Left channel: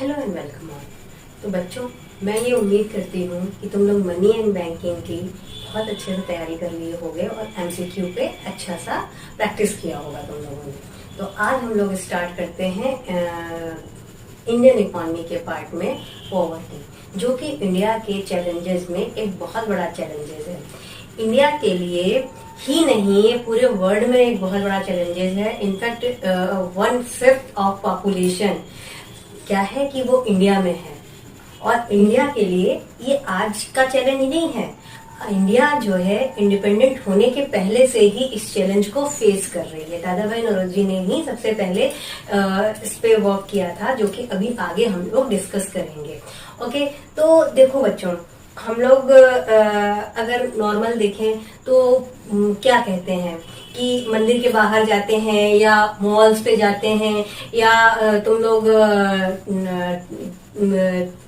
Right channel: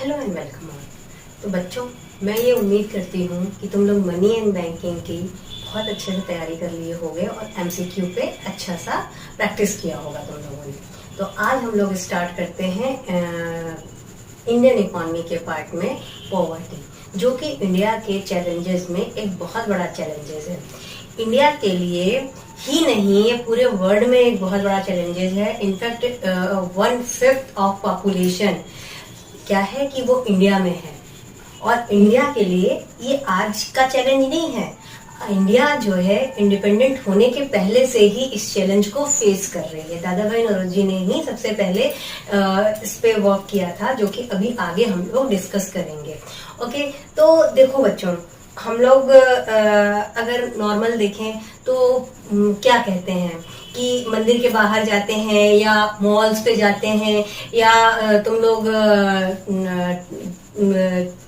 Hello and welcome all. तो बच्चों, मैं ये उम्मीद करती हूँ कि तुम लोग मनी एंड बैंकिंग की बहुत अच्छे से तैयारी कर लिए होगे और एमसीक्यू पे अच्छा सा प्रैक्टिस किया होगा तुम लोगों ने। तो आज हम लोग स्टार्ट करते हैं इंडियन इकोनॉमी के पार्ट में पॉवर्टी, जो कि इंडिया के चैलेंजेस में एक बहुत बड़ा चैलेंजेस है। इंडिया के लिए ही नहीं, पूरे वर्ल्ड में एक बहुत बड़ा चैलेंजेस है। इनफैक्ट 1/5 ऑफ पॉपुलेशन क्या है कि वो इंडिया में है, और इंडिया के लिए ये आज का चैलेंज नहीं है। इंडिया जो है इंडिपेंडेंट होने के पहले से ही इस चैलेंज को फेस कर रही है। दादा भाई नौरोजी ने ही सबसे पहले इस पे वर्क किया था, जो कि अभी आगे हम लोग डिस्कस करेंगे। ओके, तो देखो बच्चों, हम लोग अगर नॉर्मल देखें तो क्या कहते हैं कि मंदिर के बाहर जाते हैं या मॉल्स पे जाते हैं या तुम लोग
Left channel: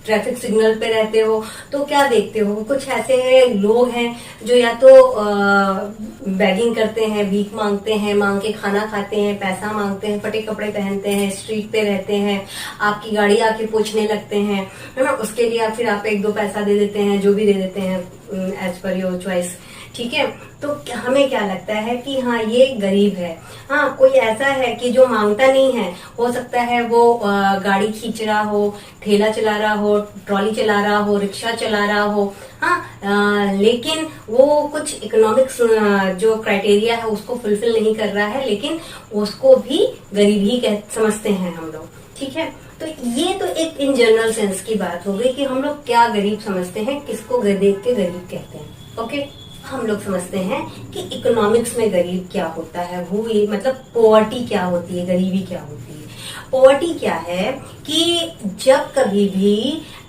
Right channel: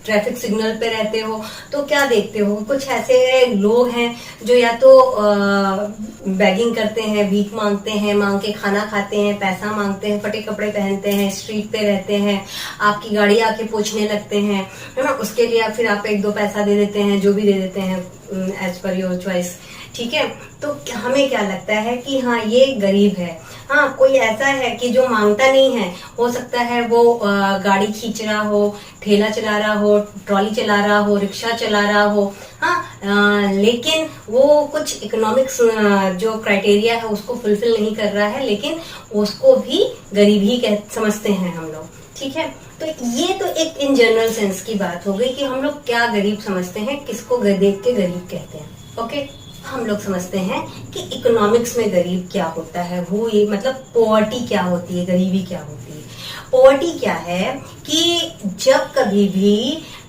ट्रैफिक सिग्नल पे रहते हो तो क्या देखते हो, कुछ ऐसे लोग हैं जो या तो बैगिंग करते हैं, भीख मांगते हैं, मांग के खाना खाते हैं, पैसा मांगते हैं, फटे कपड़े पहनते हैं, स्ट्रीट पे रहते हैं, आपकी गाड़ी आके पूछने लगते हैं, है ना। उसके लिए फिर आप 1-2 पैसा दे देते हैं, जो भी दे देते हैं एज पर योर चॉइस, ठीक है। तो हमें क्या लगता है कि हाँ ये गरीब है। हाँ, कोई ऐसा है कि जो मांगता नहीं है, हो सकता है वो गाड़ी खींच रहा हो, ठेला चला रहा हो, ट्रॉली चला रहा हो, रिक्शा चला रहा हो, हाँ, लेकिन वो कुछ इकोनॉमिक्स जो क्राइटेरिया है उसको फुलफिल नहीं कर रहा है, लेकिन उसको भी गरीब ही समझते हैं हम लोग, ठीक है। तो ये तो एक इन जनरल सेंस की बात हो गई कि हम लोग क्या गरीब समझते हैं, किसको देख के गरीब कहते हैं। ओके, हम लोग समझते हैं कि इकोनॉमिक्स में गरीब क्या होता है, वो ये मतलब पॉवर्टी क्या होती है, गरीबी क्या होती है। पॉवर्टी क्या है कि जब कभी भी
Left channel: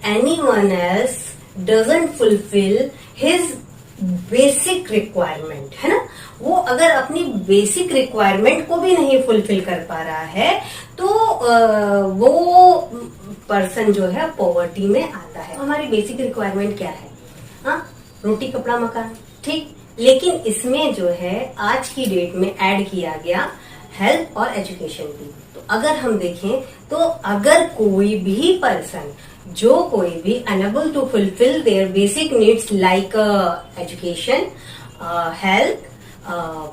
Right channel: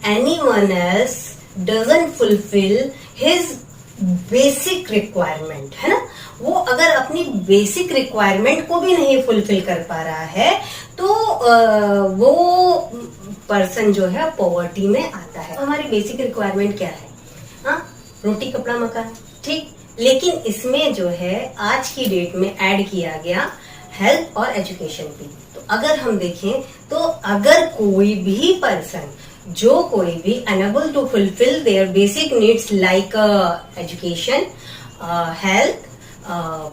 anyone else doesn't fulfil his basic requirement, है ना, वो अगर अपनी बेसिक रिक्वायरमेंट को भी नहीं फुलफिल कर पा रहा है तो वो पर्सन जो है पॉवर्टी में आता है। हमारी बेसिक रिक्वायरमेंट क्या है? हाँ, रोटी कपड़ा मकान, ठीक। लेकिन इसमें जो है आज की डेट में ऐड किया गया हेल्थ और एजुकेशन भी। तो अगर हम देखें तो अगर कोई भी पर्सन, जो कोई भी unable to fulfil their basic needs like education, health,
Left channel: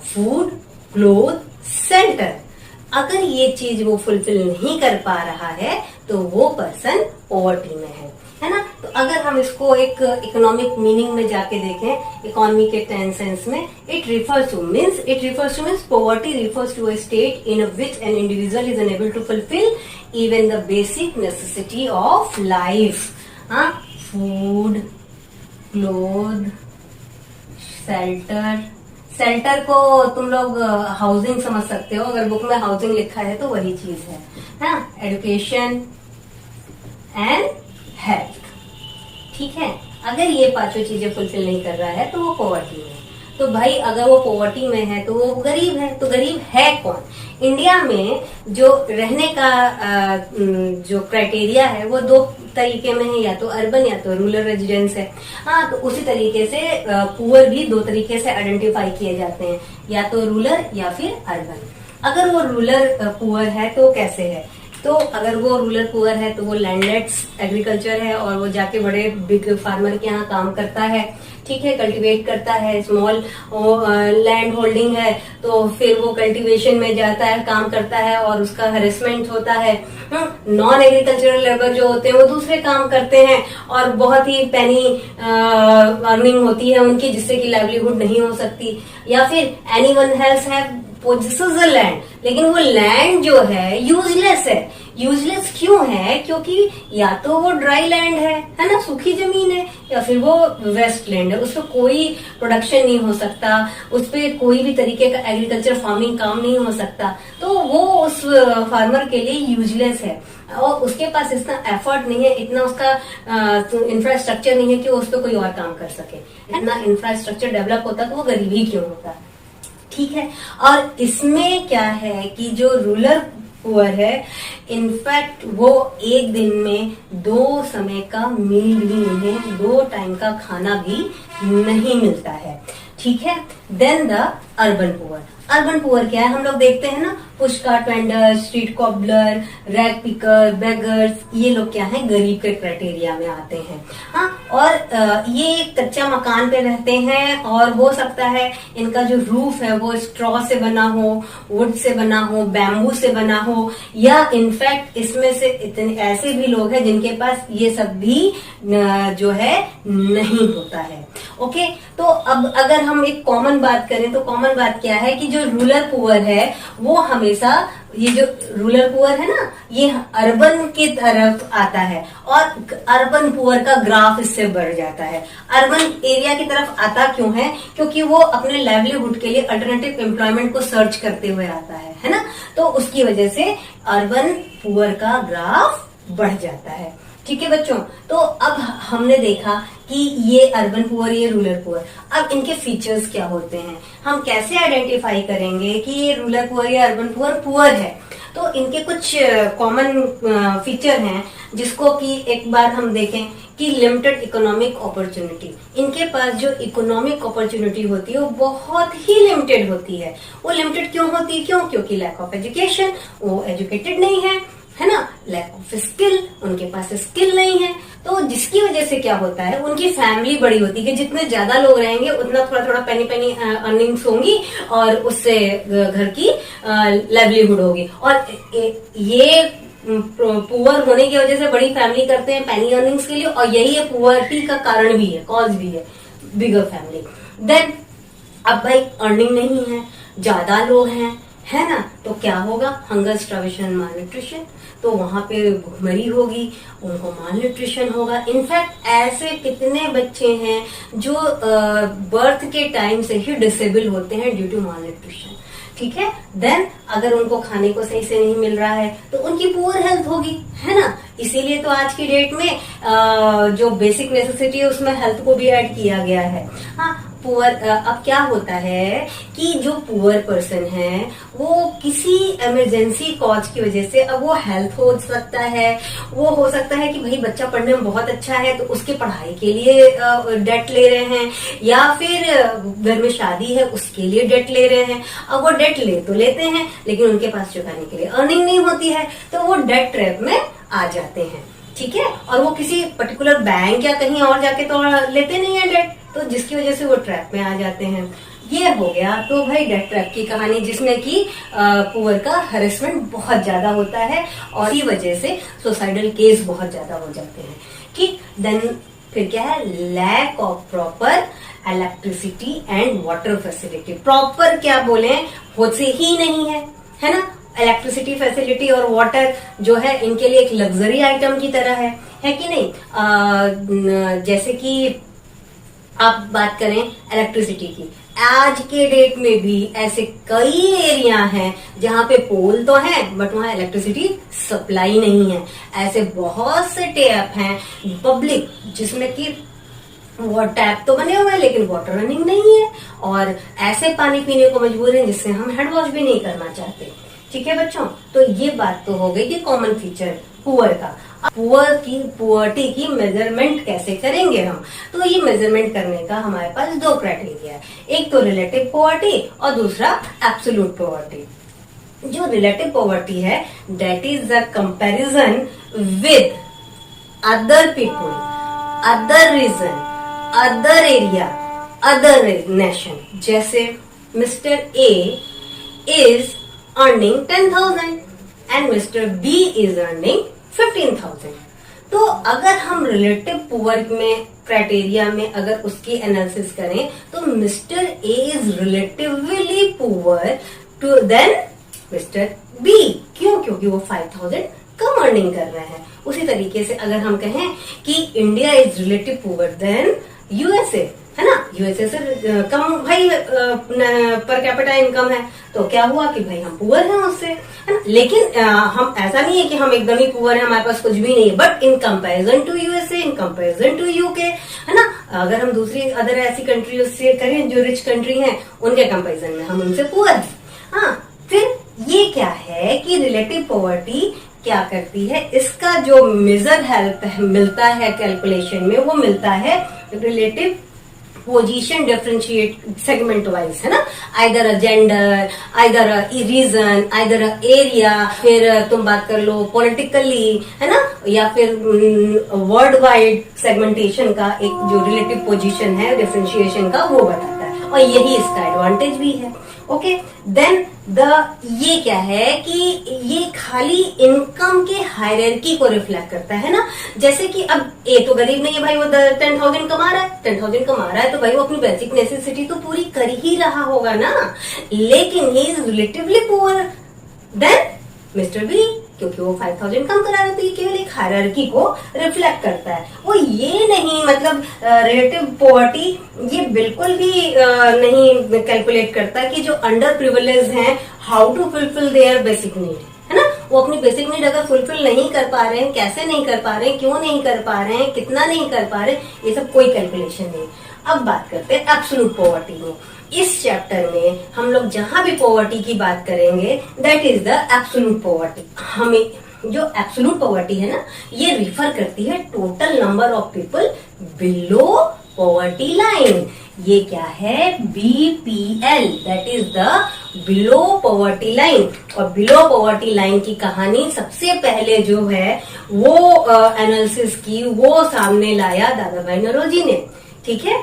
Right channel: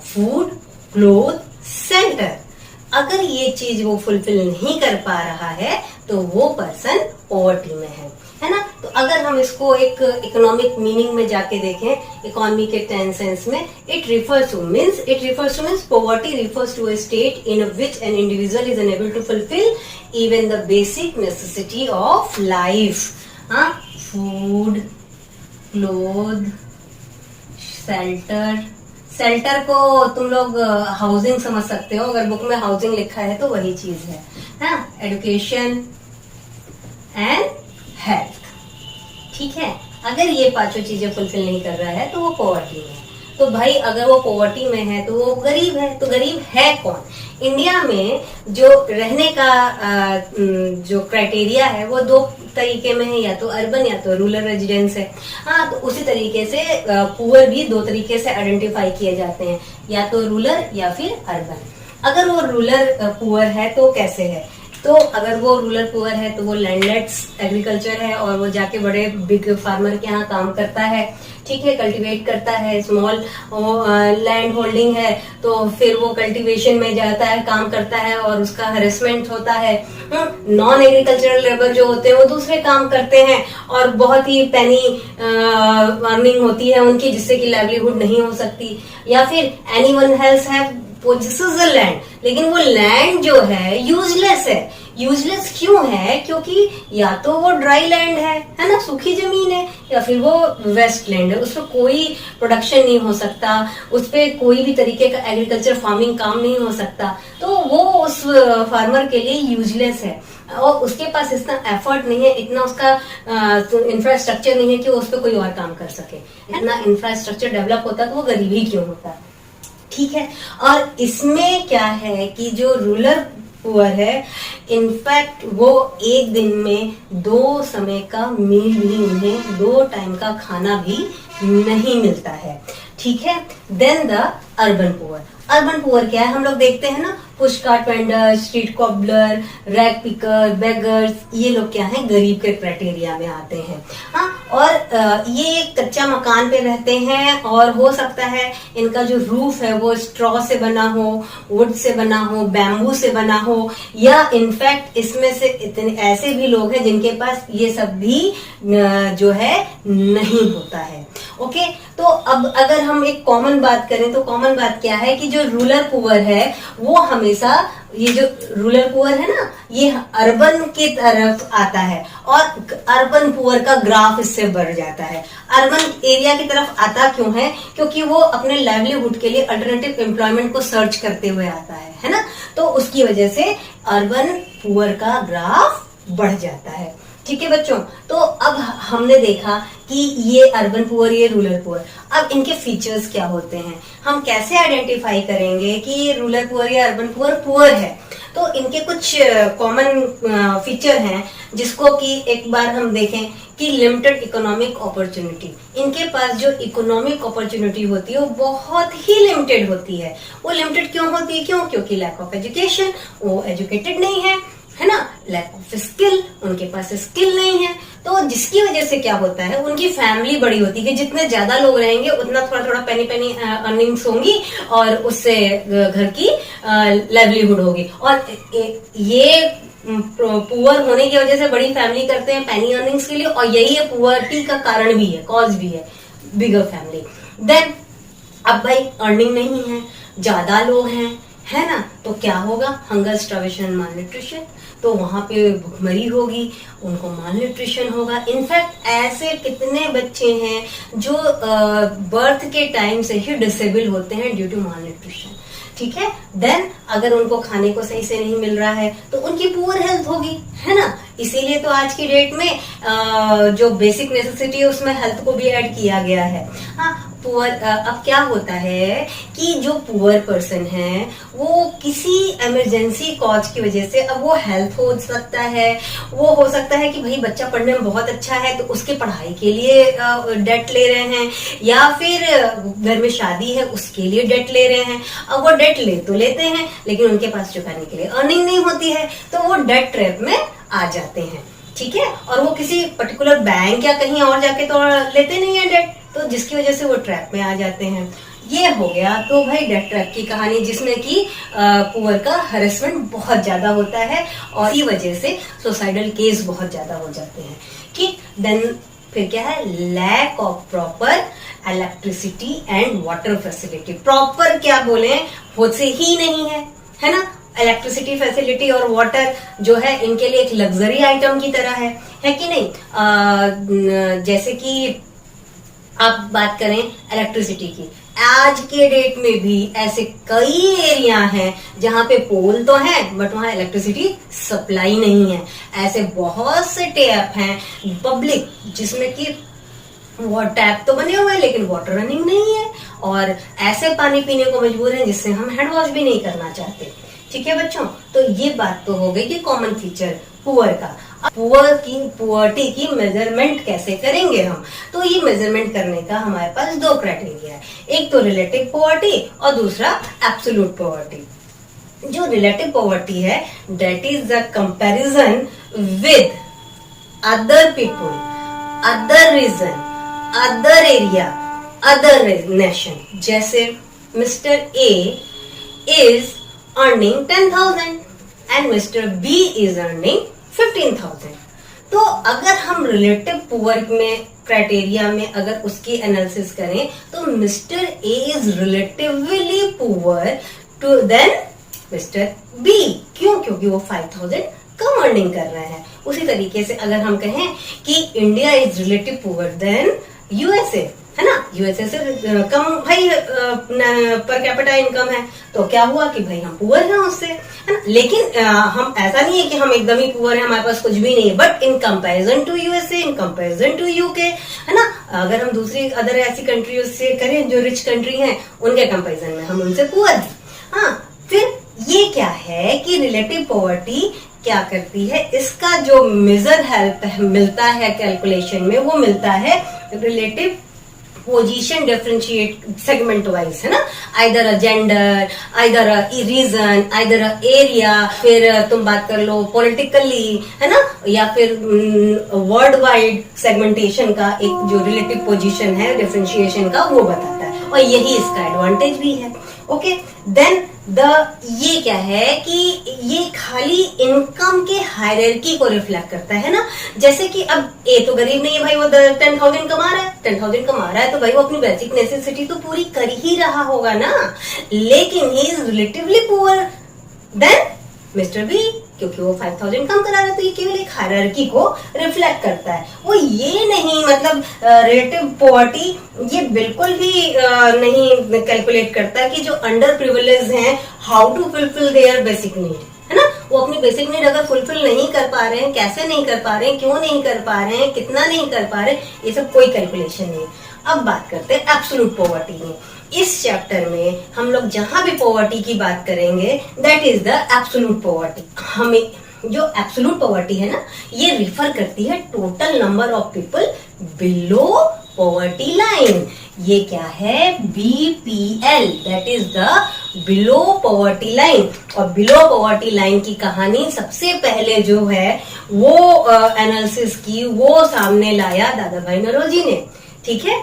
food, cloth, shelter, अगर ये चीज वो फुलफिल नहीं कर पा रहा है तो वो पर्सन पॉवर्टी में है ना। तो अगर हम इसको एक इकोनॉमिक मीनिंग में जाके देखें, इकोनॉमी के 10 सेंस में, it refers to means poverty refers to a state in which an individual is unable to fulfil even the basic necessity of life. हाँ, फूड, क्लोथ, शेल्टर को तुम लोग हाउसिंग समझ सकते हो, अगर बुक में हाउसिंग लिखा है तो वही चीज है ना। एजुकेशन एंड हेल्थ, ठीक है। अगर ये पांचों चीजें फुलफिल नहीं कर रहा है तो वो पॉवर्टी में है। तो भाई अगर वो पॉवर्टी में है तो वो गरीब है। तो गरीब है कौन? इंडिया में जो रहने का जो क्राइटेरिया है वो 2 तरीके में है, या तो अर्बन या तो रूरल रेजिडेंस है। हाँ, तो उसी तरीके से पुअर भी 2 तरीके से आइडेंटिफाई किए जाते हैं, या तो रूरल या फिर अर्बन। अगर वो रूरल पुअर है तो कैसे है? तो अगर वो रूरल पुअर है तो वो लैंडलेस एग्रीकल्चर है और वो जाके बड़े बिग फार्मर के यहाँ काम करता है, ठीक है, कल्टीवेट करता है, स्मॉल लैंड होल्डिंग है तो फिर वो कल्टीवेशन में जाता है, काम करता है और उसका हरेसमेंट होता है। नॉन एग्रीकल्चरल लेबर जो होते हैं वो दूसरे काम करते हैं और बहुत ही पेनी अर्निंग होती है उनकी, जिससे कि लाइवलीहुड नहीं हो सकती। या फिर anyone else have possesses a land, लेकिन वो लैंड जो है यूजलेस है। यूजलेस क्यों है? क्योंकि या तो वो ड्राई लैंड है ना, सूखी जमीन है, या फिर वो वेस्ट लैंड है, उसपे कोई प्रोडक्शन नहीं हो सकता, उसपे कोई भी तरीके का एग्रीकल्चर फार्मिंग काम नहीं हो सकता, तो वो उस फार्मर के लिए यूजलेस है और उसके पास इतना एफर्ट नहीं है, इतना उसका इंफ्रास्ट्रक्चर नहीं है कि वो उस पर कोई और काम कर सके। इतना इंफ्रास्ट्रक्चर डेवलप होता तो वो गरीब ही क्यों होता, ठीक है। और इसमें क्या है कि जो रूरल पुअर है, इनफैक्ट वो एक दिन में 2 समय का मील भी उन्हें 2 टाइम का खाना भी नहीं मिलता है, ठीक है। Then the urban poor. Urban poor क्या है, हम लोग देखते हैं ना, push cart vendor, street cobbler, rag picker, beggars, ये लोग क्या है, गरीब के क्राइटेरिया में आते हैं। हाँ, और ये कच्चा मकान पे रहते हैं और हो सकता है इनका जो रूफ है वो स्ट्रॉ से बना हो, वुड से बना हो, बैम्बू से बना हो, या इनफैक्ट इसमें से इतने ऐसे भी लोग हैं जिनके पास ये सब भी जो है नहीं होता है। ओके, तो अब अगर हम एक कॉमन बात करें तो कॉमन बात क्या है कि जो रूरल पुअर है वो हमेशा, ये जो रूरल पुअर है ना, ये अर्बन की तरफ आता है और अर्बन पुअर का ग्राफ इससे बढ़ जाता है। अर्बन एरिया की तरफ आता क्यों है, क्योंकि वो अपने लाइवलीहुड के लिए अल्टरनेटिव एम्प्लॉयमेंट को सर्च करते हुए आता है ना, तो उसकी वजह से अर्बन पुअर का ग्राफ बढ़ जाता है। ठीक है बच्चों, तो अब हमने देखा कि ये अर्बन पुअर, ये रूरल पुअर। अब इनके फीचर्स क्या होते हैं, हम कैसे आइडेंटिफाई करेंगे कि ये रूरल पुअर या अर्बन पुअर पुअर है। तो इनके कुछ कॉमन फीचर हैं जिसको कि एक बार हम देखें कि लिमिटेड इकोनॉमिक अपॉर्चुनिटी। इनके पास जो इकोनॉमिक अपॉर्चुनिटी होती है वो बहुत ही लिमिटेड होती है। वो लिमिटेड क्यों होती है, क्योंकि लैक ऑफ एजुकेशन, वो एजुकेटेड नहीं है ना, लैक ऑफ स्किल, उनके पास स्किल नहीं है। तो जिसकी वजह से क्या होता है, उनकी फैमिली बड़ी होती है, जितने ज्यादा लोग रहेंगे उतना थोड़ा थोड़ा पेनी पेनी अर्निंग्स होंगी और उससे घर की लाइवलीहुड होगी। और ये पुअर होने की वजह से बड़ी फैमिली करते हैं पेनी अर्निंग्स के लिए, और यही है पुअर्टी का कारण भी है, कॉज भी है, बिगर फैमिली। देन अब भाई अर्निंग नहीं है, ज्यादा लोग हैं, है ना, तो क्या होगा, हंगर, स्टार्वेशन, मालन्यूट्रिशन। तो वहां पे भुखमरी होगी, उनको मालन्यूट्रिशन होगा। इनफैक्ट ऐसे कितने बच्चे हैं जो बर्थ के टाइम से ही डिसेबल होते हैं ड्यू टू मालन्यूट्रिशन। ठीक है, देन अगर उनको खाने को सही से नहीं मिल रहा है तो उनकी पुअर हेल्थ होगी, है ना। इसीलिए तो आज की डेट में जो बेसिक नेसेसिटी है उसमें हेल्थ को भी ऐड किया गया है। हाँ, पुअर, अब क्या होता है कि जो पुअर पर्सन है वो किसी इमरजेंसी कॉज की वजह से, अब वो हेल्थ हो सकता है, वो हो सकता है कि भाई बच्चा पढ़ने में बहुत अच्छा है तो उसके पढ़ाई के लिए डेट ले रहे हैं, या फिर घर में शादी है उसके लिए डेट ले रहे हैं। अब वो डेट ले तो लेते हैं लेकिन उनके पास चुकाने के लिए अर्निंग नहीं होती है, तो वो डेट ट्रैप में आ जाते हैं। ठीक है, और वो किसी पर्टिकुलर बैंक या कहीं और जाके तो लेते नहीं है डेट, तो जिसकी वजह से वो ट्रैप में आ जाते हैं। ये हो गया तो भाई डेट ट्रैप की कहानी, जिसमें कि पुअर का हरेसमेंट बहुत ज्यादा होता है और इसी वजह से सुसाइडल केस बहुत ज्यादा हो जाते हैं। ठीक, देन फिर क्या है, lack of proper electricity and water facility. Proper क्या बोले, होते ही नहीं है ना। इलेक्ट्रिसिटी फैसिलिटी और वाटर जो है इनके लिए एक लग्जरी आइटम की तरह है कि नहीं। जैसे कि आप बात करें इलेक्ट्रिसिटी की, आज के डेट में भी ऐसे कई एरिया हैं जहां पे पोल तो है बट वहां इलेक्ट्रिसिटी सप्लाई नहीं है। ऐसे बहुत से टैप हैं पब्लिक जिसमें कि वो टैप तो बने हुए हैं लेकिन वाटर रनिंग नहीं है, और ऐसे पानी पीने को मजबूर हैं जिससे हम हैंड वॉश भी नहीं करना चाहते। ठीक है बच्चों, तो ये बात तो हो गई कि कॉमन फीचर पुअर का। पुअर्टी की मेजरमेंट कैसे करेंगे हम, तो ये मेजरमेंट करने का हमारे पास दो क्राइटेरिया है, एक तो रिलेटिव पुअर्टी और दूसरा एब्सोल्यूट पुअर्टी। जो रिलेटिव पुअर्टी है that is the comparison with other people, other region, other area, other nation. जैसे mister A is earning 10,000 and Mr. B is earning 15,000। तो अगर हम रिलेटिव पुअर में क्राइटेरिया में अगर उसकी एनालिसिस करें तो mister A is relatively poor to than mister B. क्यों? क्योंकि वो 5,000 कम अर्निंग कर रहे हैं। उसी तरीके से अगर हम कहें कि India is relative poor than USA, है ना, यूएसए से कम भाई पर कैपिटा इनकम है, तो क्या हुआ कि भाई हम पुअर हैं उससे, है ना। लेकिन हम ऐसा नहीं है कि हम एकदम ही पुअर हैं, हमारे पास कुछ भी नहीं है, but in comparison to USA, in comparison to UK, है ना, अगर हम दूसरी अदर ऐसी कंट्री से करें जो रिच कंट्री हैं उनके कंपैरिजन में हम उनसे पुअर हैं। हाँ, फिर ये क्या है कि रिलेटिव पॉवर्टी क्या करती है, इसका जो मेजर हेल्प मिलता है कैलकुलेशन में वो मिलता है relative position differentiate segment wise, है ना, either a gender, either a region, either a area, फिर तुम बात कर लो पॉलिटिकली, है ना, या फिर वर्ल्ड वाइड सेगमेंटेशन का एक जो रिलेटिव पोजीशन है डिफरेंशिएशन का वो बताता है, और यही इसका एडवांटेज भी है। ओके, देन ये क्या है कि ये खाली इनकम के हायरार्की को रिफ्लेक्ट करता है ना। जैसे कि अब ए तो गरीब नहीं है भाई, वो 10,000 कमा रहा है, 10,000 कमा रहा है तो भाई वो अपनी बेसिक नेसेसिटी तो पूरी कर ही रहा होगा ना, लेकिन he is relatively poor than mister B, क्योंकि वो 5,000 कम करा रहा है। तो ये केवल एक हायरार्की को रिफ्लेक्ट करता है, वो ये नहीं मतलब रिलेटिव पॉवर्टी ये बिल्कुल भी नहीं कैलकुलेट करता कि जो अंडर प्रिविलेज हैं how to fulfil their basic need, है ना, वो अपनी बेसिक नीड अगर फुलफिल नहीं कर पा रहे हैं, कैसे नहीं कर पा रहे हैं, क्यों नहीं कर पा रहे हैं, कितना नहीं कर पा रहे, ये सब कोई कैलकुलेशन नहीं। अब बात करते हैं एब्सोल्यूट पॉवर्टी में। इस चैप्टर में हम लोग जहां भी पॉवर्टी की बात करेंगे that is the absolute poverty. हमें जो एब्सोल्यूट पॉवर्टी है ना, ये रिफर करती है total number of people below poverty line. ये क्या है, BPL, that is the below poverty line. और बिलो पॉवर्टी लाइन की कहानी सबसे पहले जो है वो एनालिसिस की, वो सामने लाया दादा भाई नौरोजी ने, ठीक है।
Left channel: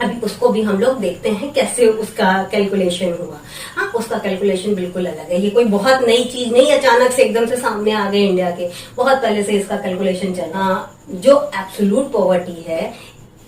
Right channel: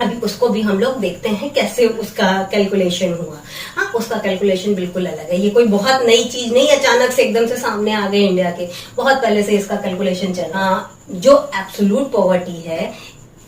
अभी उसको भी हम लोग देखते हैं कैसे उसका कैलकुलेशन हुआ। हाँ, उसका कैलकुलेशन बिल्कुल अलग है, ये कोई बहुत नई चीज नहीं, अचानक से एकदम से सामने आ गए इंडिया के, बहुत पहले से इसका कैलकुलेशन चला। जो एब्सोल्यूट पॉवर्टी है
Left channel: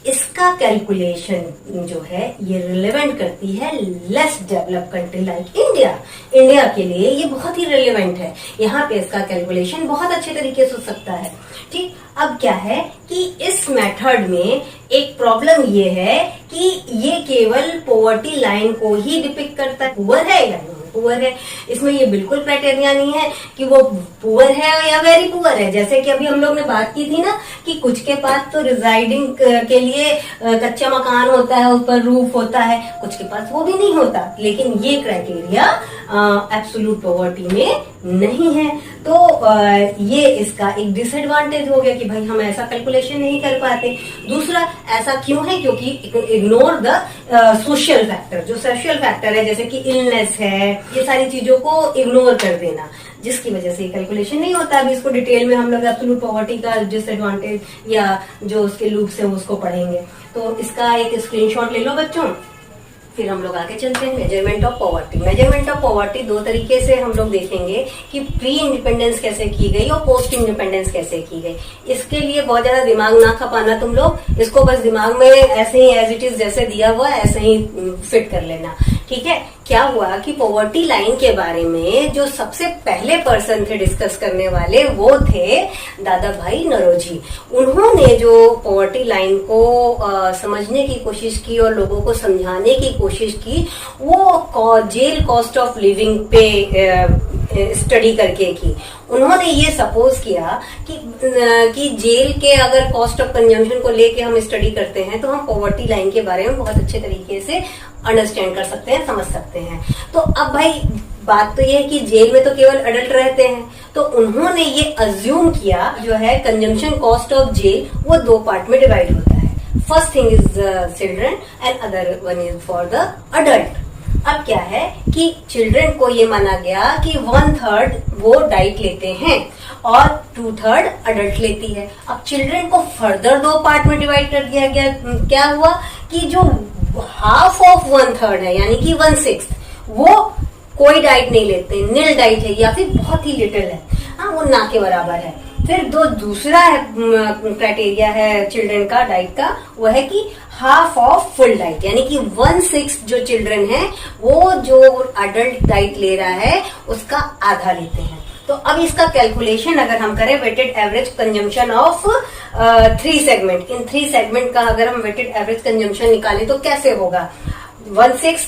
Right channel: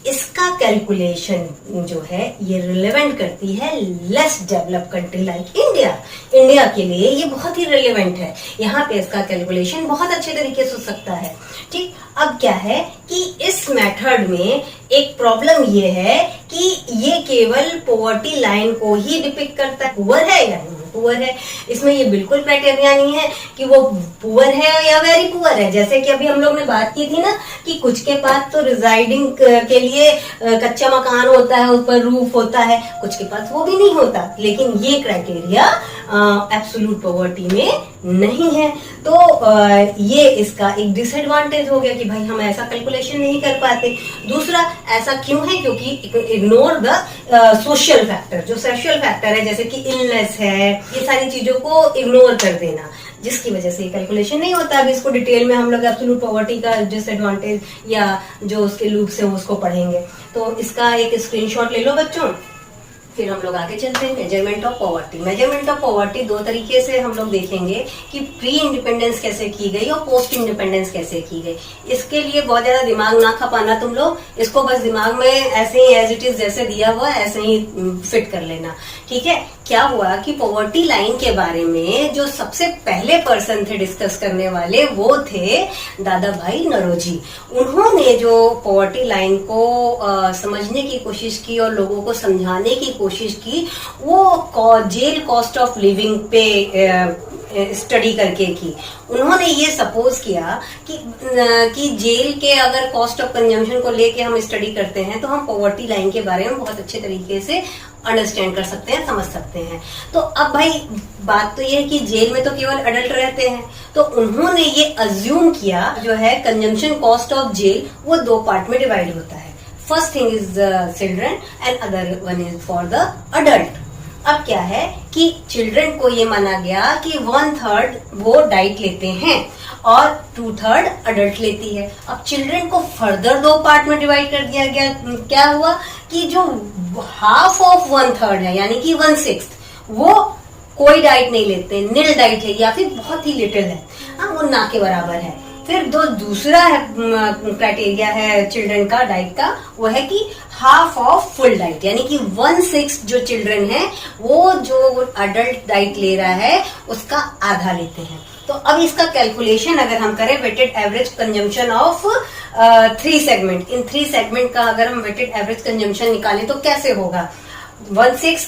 इसका कैलकुलेशन जो है ये रिलेवेंट करती है less develop country like India. India के लिए ये बहुत ही रिलेवेंट है, यहाँ पे इसका कैलकुलेशन बहुत अच्छे तरीके से हो सकता है, ठीक। अब क्या है कि इस मेथड में एक प्रॉब्लम ये है कि ये केवल पॉवर्टी लाइन को ही डिपिक्ट करता है, पुअर है या पुअर है। इसमें ये बिल्कुल क्राइटेरिया नहीं है कि वो पुअर है या वेरी पुअर है। जैसे कि अभी हम लोग ने बात की थी ना कि कुछ के पास तो रिजाइडिंग के लिए कच्चा मकान होता है, ऊपर रूफ होता है, कुछ के पास वो भी नहीं होता, लेकिन ये क्राइटेरिया एब्सोल्यूट पॉवर्टी में नहीं है। तो ये इसका एक डिसएडवांटेज हो गया कि भाई हम ऐसा कैलकुलेशन नहीं कर पाते। दूसरा, ऐसा क्यों है, क्योंकि इग्नोर द सोशल फैक्टर, जो सोशल फैक्टर है जैसे कि इलनेस है, ये सारी चीजों को इग्नोर कर देना, जिसकी वजह से कैलकुलेशन नहीं होता। अभी इसको डिटेल में हम लोग एब्सोल्यूट पॉवर्टी का डिसएडवांटेज या जो उसके लूप्स है उसको पढ़ेंगे। तो इसका एक स्क्रीनशॉट ले लो बच्चों, फिर हम लोग आगे चलते हैं। Measurement of poverty. Measurement of poverty दो तरीके से हम लोग देखेंगे कि प्री इंडिपेंडेंस कैसे की गई और पोस्ट इंडिपेंडेंस कैसे की गई। इसके लिए बहुत ज्यादा दिमाग ना खपाना तुम लोग, इसको बस दिमाग में ऐसे ही एज इट इज जैसे दिया हुआ ऐसे ही फिट कर लेना, ठीक है। क्या हुआ कि पॉवर्टी लाइन के बारे में जो सबसे पहले पर्सन थे डिस्कस करने वाले वो थे दादा भाई नौरोजी। उन्होंने जो पॉवर्टी लाइन को समझने की कोशिश की और लोगों को समझाने की कोशिश की, वो जेल कॉस्ट ऑफ लिविंग पे स्टडी करके की। उन्होंने ये सपोज किया कि जेल के अगर कॉस्ट ऑफ कंजम्पशन को लेके हम स्टडी करते हैं तो हम पॉवर्टी लाइन के बारे में बहुत अच्छे तरीके से अंडरस्टैंड कर सकते हैं, समझ सकते हैं। तो अब भाई बात तो ये है कि जेल में तो केवल अडल्ट रहते हैं, तो उन्होंने ये अज्यूम किया जो है कंजम्पशन कॉस्ट ऑफ जेल वो दो पार्ट में डिवाइड होता है। First thing is children and other one is for the adult. अब क्या है कि चिल्ड्रन को ये माना गया कि 1/3 वो डाइट लेते हैं और 2/3 अडल्ट लेती है। अब चिल्ड्रन को फर्दर दो पार्ट में डिवाइड कर दिया गया। क्या हुआ कि जो हाफ ऑफ 1/3 है यानी कि 1/6 वो कोई डाइट नहीं लेते, नील डाइट है या फिर बहुत ही लिटिल है, हाँ वो ना के बराबर है। फिर दूसरा क्राइटेरिया है चिल्ड्रन का डाइट का, वो है कि हाफ ऑफ फुल डाइट, यानी कि 1/6 जो चिल्ड्रन है वो जो अडल्ट डाइट ले रहा है उसका आधा लेते हैं। तो अब इसका कैलकुलेशन अगर हम करें weighted average consumption of 3 segment, in 3 segment का अगर हम वेटेड एवरेज कंजम्पशन निकालें तो कैसे होगा, 1/6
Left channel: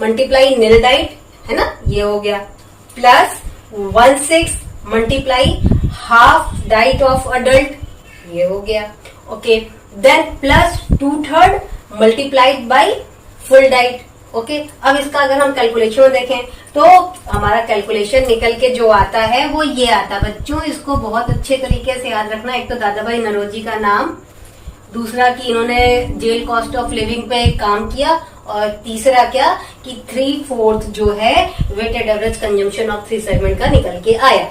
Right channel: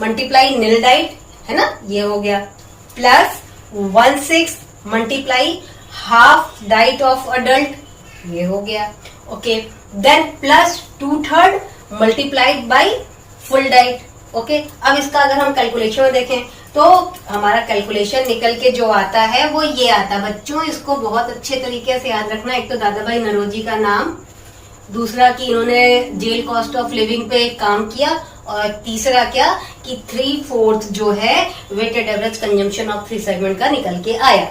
मल्टीप्लाई नील डाइट है ना, ये हो गया, plus 1/6 multiply half diet of adult, ये हो गया, okay, then plus 2/3 multiplied by full diet, okay. अब इसका अगर हम कैलकुलेशन देखें तो हमारा कैलकुलेशन निकल के जो आता है वो ये आता है बच्चों, इसको बहुत अच्छे तरीके से याद रखना। एक तो दादा भाई नौरोजी का नाम दूसरा कि इन्होंने जेल कॉस्ट ऑफ लिविंग पे काम किया, और तीसरा क्या कि 3/4 जो है weighted average consumption of 3 segment का निकल के आया।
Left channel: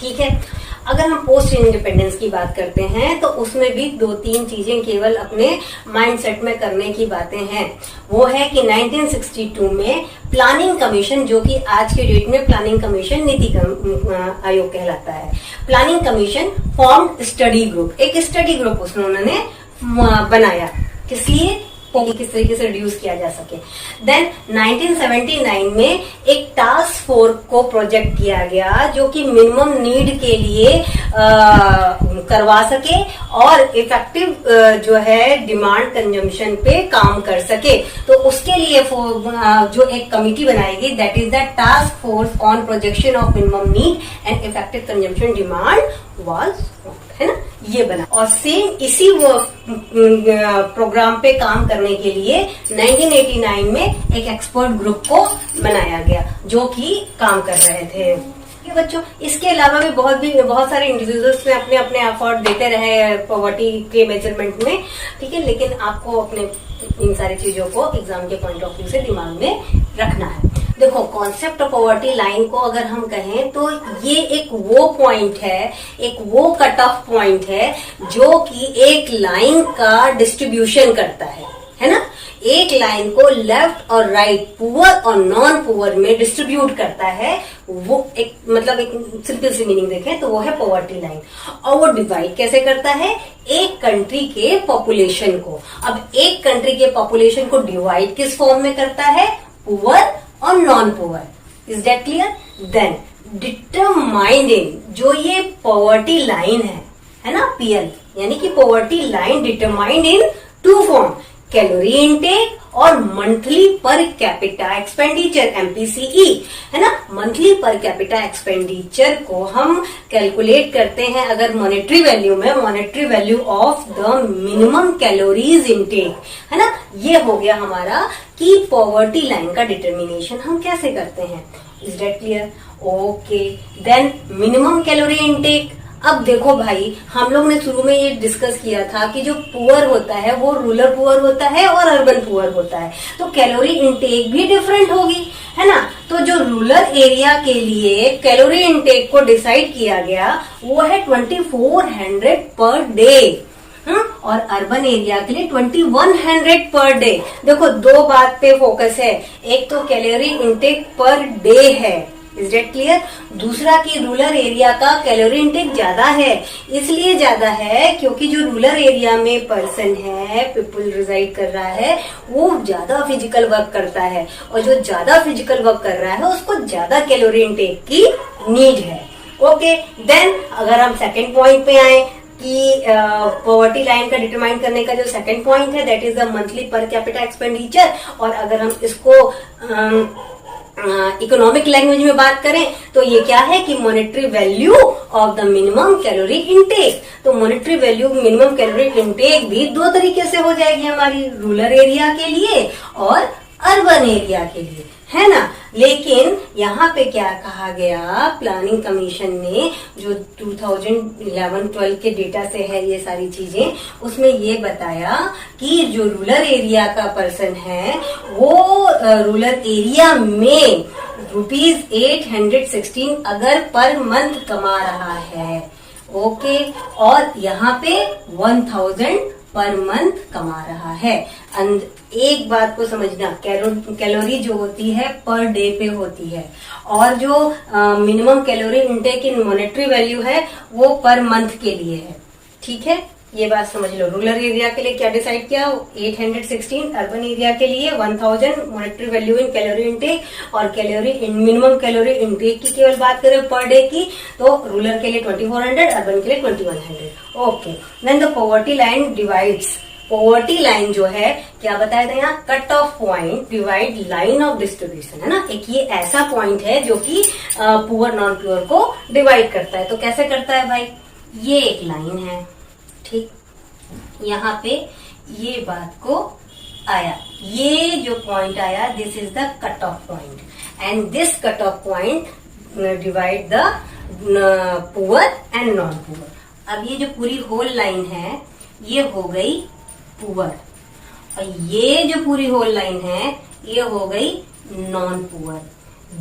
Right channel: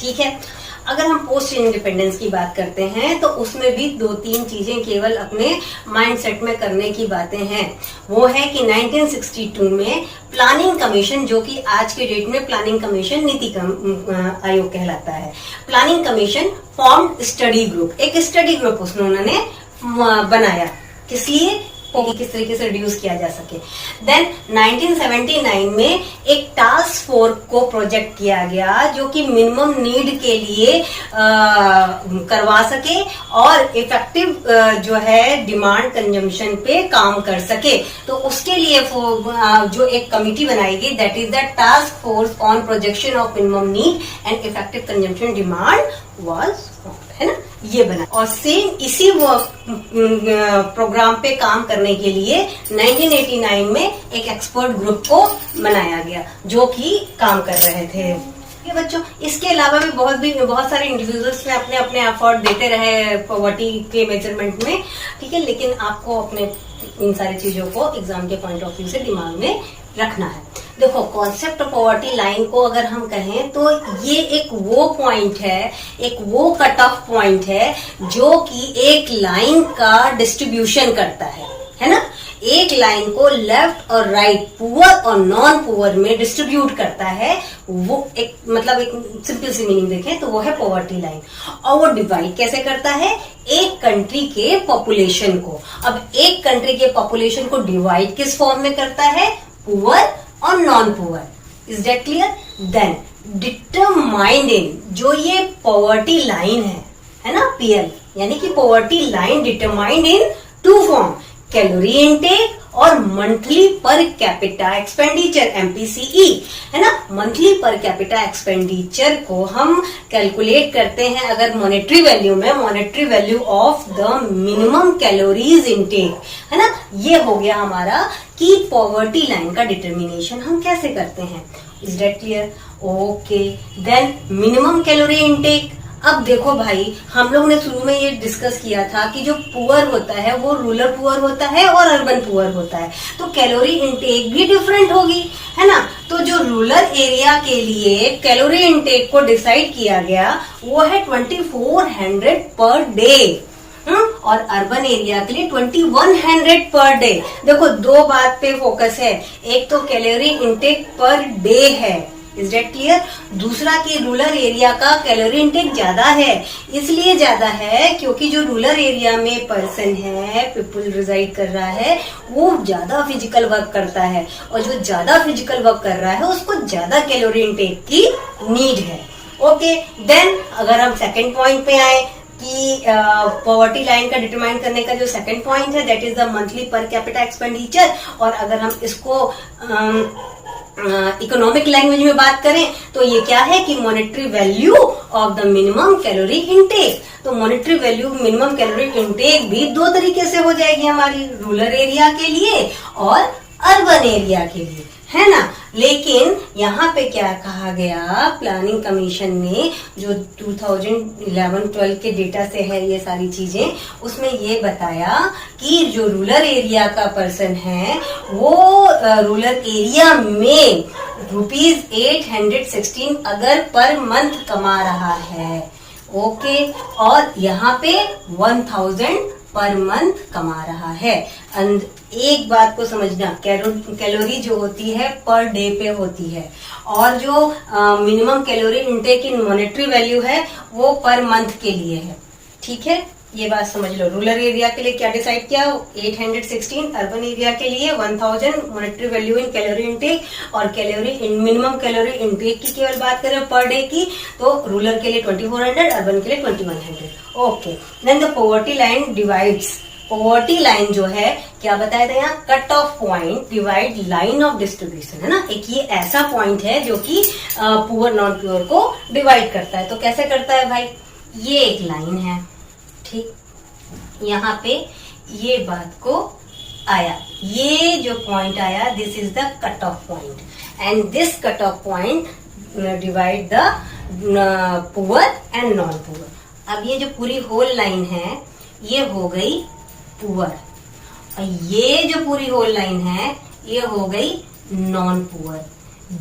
ठीक है, अगर हम पोस्ट इंडिपेंडेंस की बात करते हैं तो उसमें भी 2-3 चीजें केवल अपने माइंडसेट में करने की बातें हैं। वो है कि 1962 में प्लानिंग कमीशन, जो कि आज के डेट में प्लानिंग कमीशन नीति आयोग कहलाता है, planning commission form study group, एक स्टडी ग्रुप उसमें उन्होंने बनाया किस तरीके से रिड्यूस किया जा सके। देन 1979 में एक टास्क फोर्स को प्रोजेक्ट किया गया जो कि मिनिमम नीड के लिए करवा सके और इफेक्टिव जो है डिमांड कंजम्पशन पे काम कर सके। तो उसके लिए जो एक कमिटी बनाई गई, that is the task force on projection of minimum need and effective consumption demand was, है ना, ये बना। और सेम इसी प्रोग्राम पे काम करने के लिए 1989 में एक एक्सपर्ट ग्रुप को बनाया गया जो कि काम कर रहे थे। ये बच्चों, इसके अलावा भी बहुत सारे इंडिविजुअल्स ने अपने अपने एफर्ट देते रहे पॉवर्टी के मेजरमेंट में, ठीक है, लेकिन आपको अपने इन सारी चीजों को एग्जाम के पॉइंट ऑफ व्यू से दिमाग में रखना है। देखो, कॉन्सेप्ट ऑफ पॉवर्टी लाइन को अगर हम कहें तो ये एक वो पॉइंट है, एक वो कट ऑफ पॉइंट है जो कि एक लाइन का डिस्ट्रीब्यूशन करता है ना, एक लाइन को लेफ्ट और राइट, पुअर और नॉन पुअर में डिस्ट्रीब्यूट करता है। वो एक मतलब एक सिंपल सी मीनिंग देखें तो वो है पॉवर्टी लाइन। और वो डिवाइड कैसे करता है? एक कंट्री के पॉपुलेशन को। अब एक कंट्री के पॉपुलेशन को डिवाइड किस फॉर्म में करता है? पुअर और non poor. Is that clear? Then determined in, जो ये पॉवर्टी लाइन है ना, पीएल, यानी कि poverty line determined in 2 form, calorie intake और monthly per capita expenditure, MPCE, है ना। मंथली पर कैपिटा एक्सपेंडिचर को हम कैलकुलेट करते हैं अगर मॉनेटरी वैल्यू में, monetary value of the minimum calories intake, है ना। ये हो गया हमारा कि पॉवर्टी लाइन का डिटर्मिनेशन हम कैसे करते हैं। Is that clear? Okay, then minimum calorie intake. अब देखो भाई, हम लोग ने शुरू में ये डिस्कस किया था कि जो पुअर होता है वो रूरल पुअर होता है और अर्बन पुअर होता है, तो कैलोरी इनटेक भी डिफरेंट होगी, है ना। तो जो रूरल एरिया के लिए कैलोरी इनटेक को डिसाइड किया गया वो है 2400 पर डे, और अर्बन एरिया के लिए 2100 पर डे। देखो, 2 बात पे फोकस है, एक तो कैलोरी इनटेक पर डे है, इज दैट क्लियर। दूसरा कि रूरल एरिया का कैलोरी इनटेक ज्यादा है, इसलिए ज्यादा है क्योंकि जो रूरल एरिया में पर्सन है, पीपल रिजाइड कर रहा है, वो ज्यादा फिजिकल वर्क करता है, और जो ज्यादा फिजिकल वर्क कर रहा है उसको ज्यादा कैलोरी इनटेक की नीड है। ओके, देन अगर हम सेकंड पॉइंट पे आए कि पॉवर्टी लाइन का डिटरमाइन करने का जो सेकंड पॉइंट है, that is the monthly per capita expenditure, और अगर हम इसको इकोनॉमिक लैंग्वेज में बात करें तो ये क्या है कि monetary value of the minimum calorie intake. तो monetary value minimum calorie intake भी 2 तरीके से हो जाएगी हमारी, रूरल एरिया के लिए और अर्बन एरिया के लिए, है ना। लेकिन यहाँ पे क्या कहा गया, प्लानिंग कमीशन ने जो 2011-12 के डेटा से है ये सारी चीजें, उसमें ये बताया कि जो रूरल एरिया का पर्सन है वो रूरल एरिया में ₹816 अगर पर मंथ कमा रहा है, ओके, और यहाँ पे 1000 पर मंथ कमा रहा है। एक बात को समझना, कैलोरी जो होती है पर डे पे होती है, और जो मिनिमम कैलोरी इनटेक इन मॉनेटरी वैल्यू है वो पर मंथ के लिए है, ठीक है। ये बात समझ लो। रूरल एरिया के लिए क्या डिसाइड किया? 816, अर्बन एरिया के लिए 1000 monetary value in calorie intake, और calorie in minimum calorie intake की केवल बात करें पर डे की तो रूरल के लिए 2400, अर्बन के लिए 2100। Okay, then the poverty line divides. Poverty line जो है क्या बताया था यहाँ? Cut off point divide line of distribution, है ना। एक ये ऐसा पॉइंट है जो कि पुअर नॉन पुअर को डिवाइड करता है। तो कैसे करता है भाई? ये एक लाइन है, ठीक, यहाँ पे ये बात को आया, ये जो पॉइंट आया, this is the cut off point, and this cut off point divide the poor and non poor. अब ये जो पूरी होल लाइन है, ये हो गई पुअर, और ये जो पूरी होल लाइन है ये हो गई नॉन पुअर।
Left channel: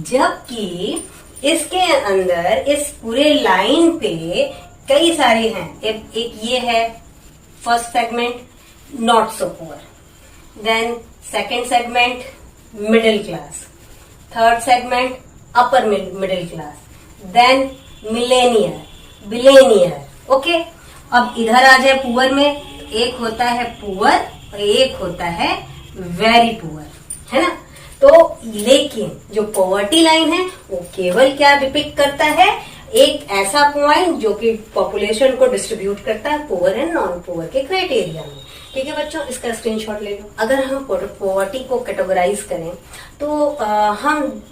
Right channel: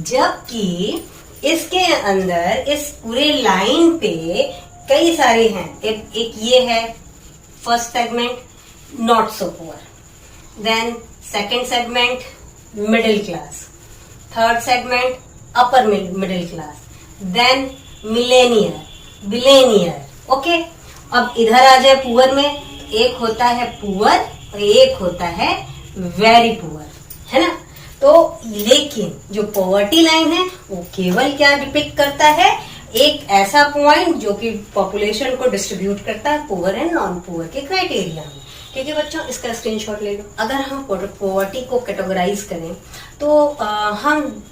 जबकि इसके अंदर इस पूरे लाइन पे कई सारे हैं। एक ये है first segment not so poor, then second segment middle class, third segment upper middle class, then millionaire billionaire. Okay, अब इधर आ जाए पुअर में, एक होता है पुअर और एक होता है वेरी पुअर, है ना। तो लेकिन जो पॉवर्टी लाइन है वो केवल क्या डिपिक्ट करता है, एक ऐसा पॉइंट जो कि पॉपुलेशन को डिस्ट्रीब्यूट करता है पुअर एंड नॉन पुअर के क्राइटेरिया में। ठीक है बच्चों, इसका स्क्रीनशॉट ले लो। अगर हम पॉवर्टी को कैटेगराइज करें तो हम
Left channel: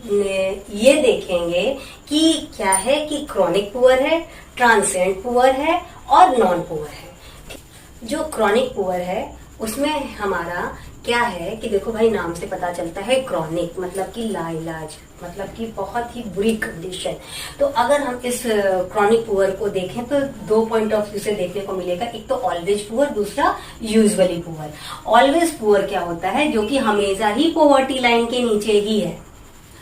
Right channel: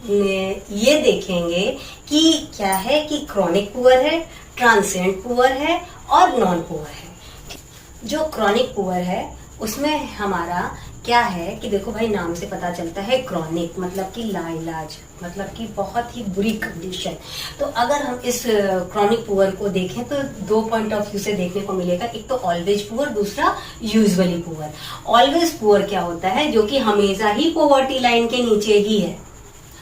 ये देखेंगे कि क्या है कि क्रॉनिक पुअर है, ट्रांसिएंट पुअर है और नॉन पुअर है। जो क्रॉनिक पुअर है उसमें हमारा क्या है कि देखो भाई, नाम से पता चलता है क्रॉनिक मतलब कि लाइलाज, मतलब कि बहुत ही बुरी कंडीशन। तो अगर हम इस क्रॉनिक पुअर को देखें तो दो पॉइंट ऑफ व्यू से देखने को मिलेगा, एक तो ऑलवेज पुअर, दूसरा यूजुअली पुअर। ऑलवेज पुअर क्या होता है, जो कि हमेशा ही पॉवर्टी लाइन के नीचे ही है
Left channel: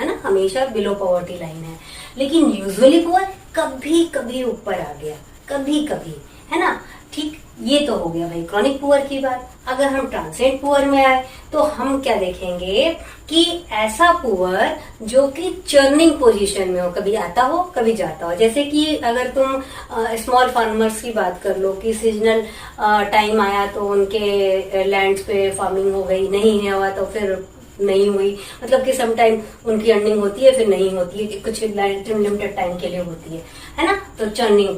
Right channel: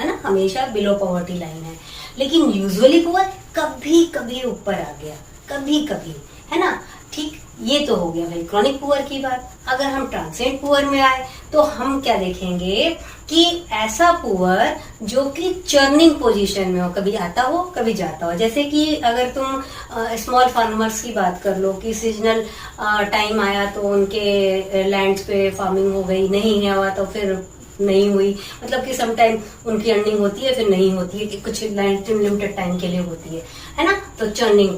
ना, हमेशा बिलो पॉवर्टी लाइन है। लेकिन यूजुअली पुअर कभी कभी ऊपर आ गया, कभी कभी, है ना। ठीक, ये तो हो गया भाई क्रॉनिक पुअर की बात। अगर हम ट्रांसिएंट पुअर में आए तो हम क्या देखेंगे कि ऐसा पुअर जो कि चर्निंग पोजीशन में हो, कभी आता हो कभी जाता हो। जैसे कि अगर तुम स्मॉल फार्मर्स की बात कर लो कि सीजनल टाइम आया तो उनके लैंड्स पे फार्मिंग हो गई, नहीं हुआ तो फिर नहीं हुई, मतलब कि सम टाइम उनकी अर्निंग होती है फिर नहीं होती है, कुछ लिमिटेड टाइम के लिए होती है ना। तो चर्निंग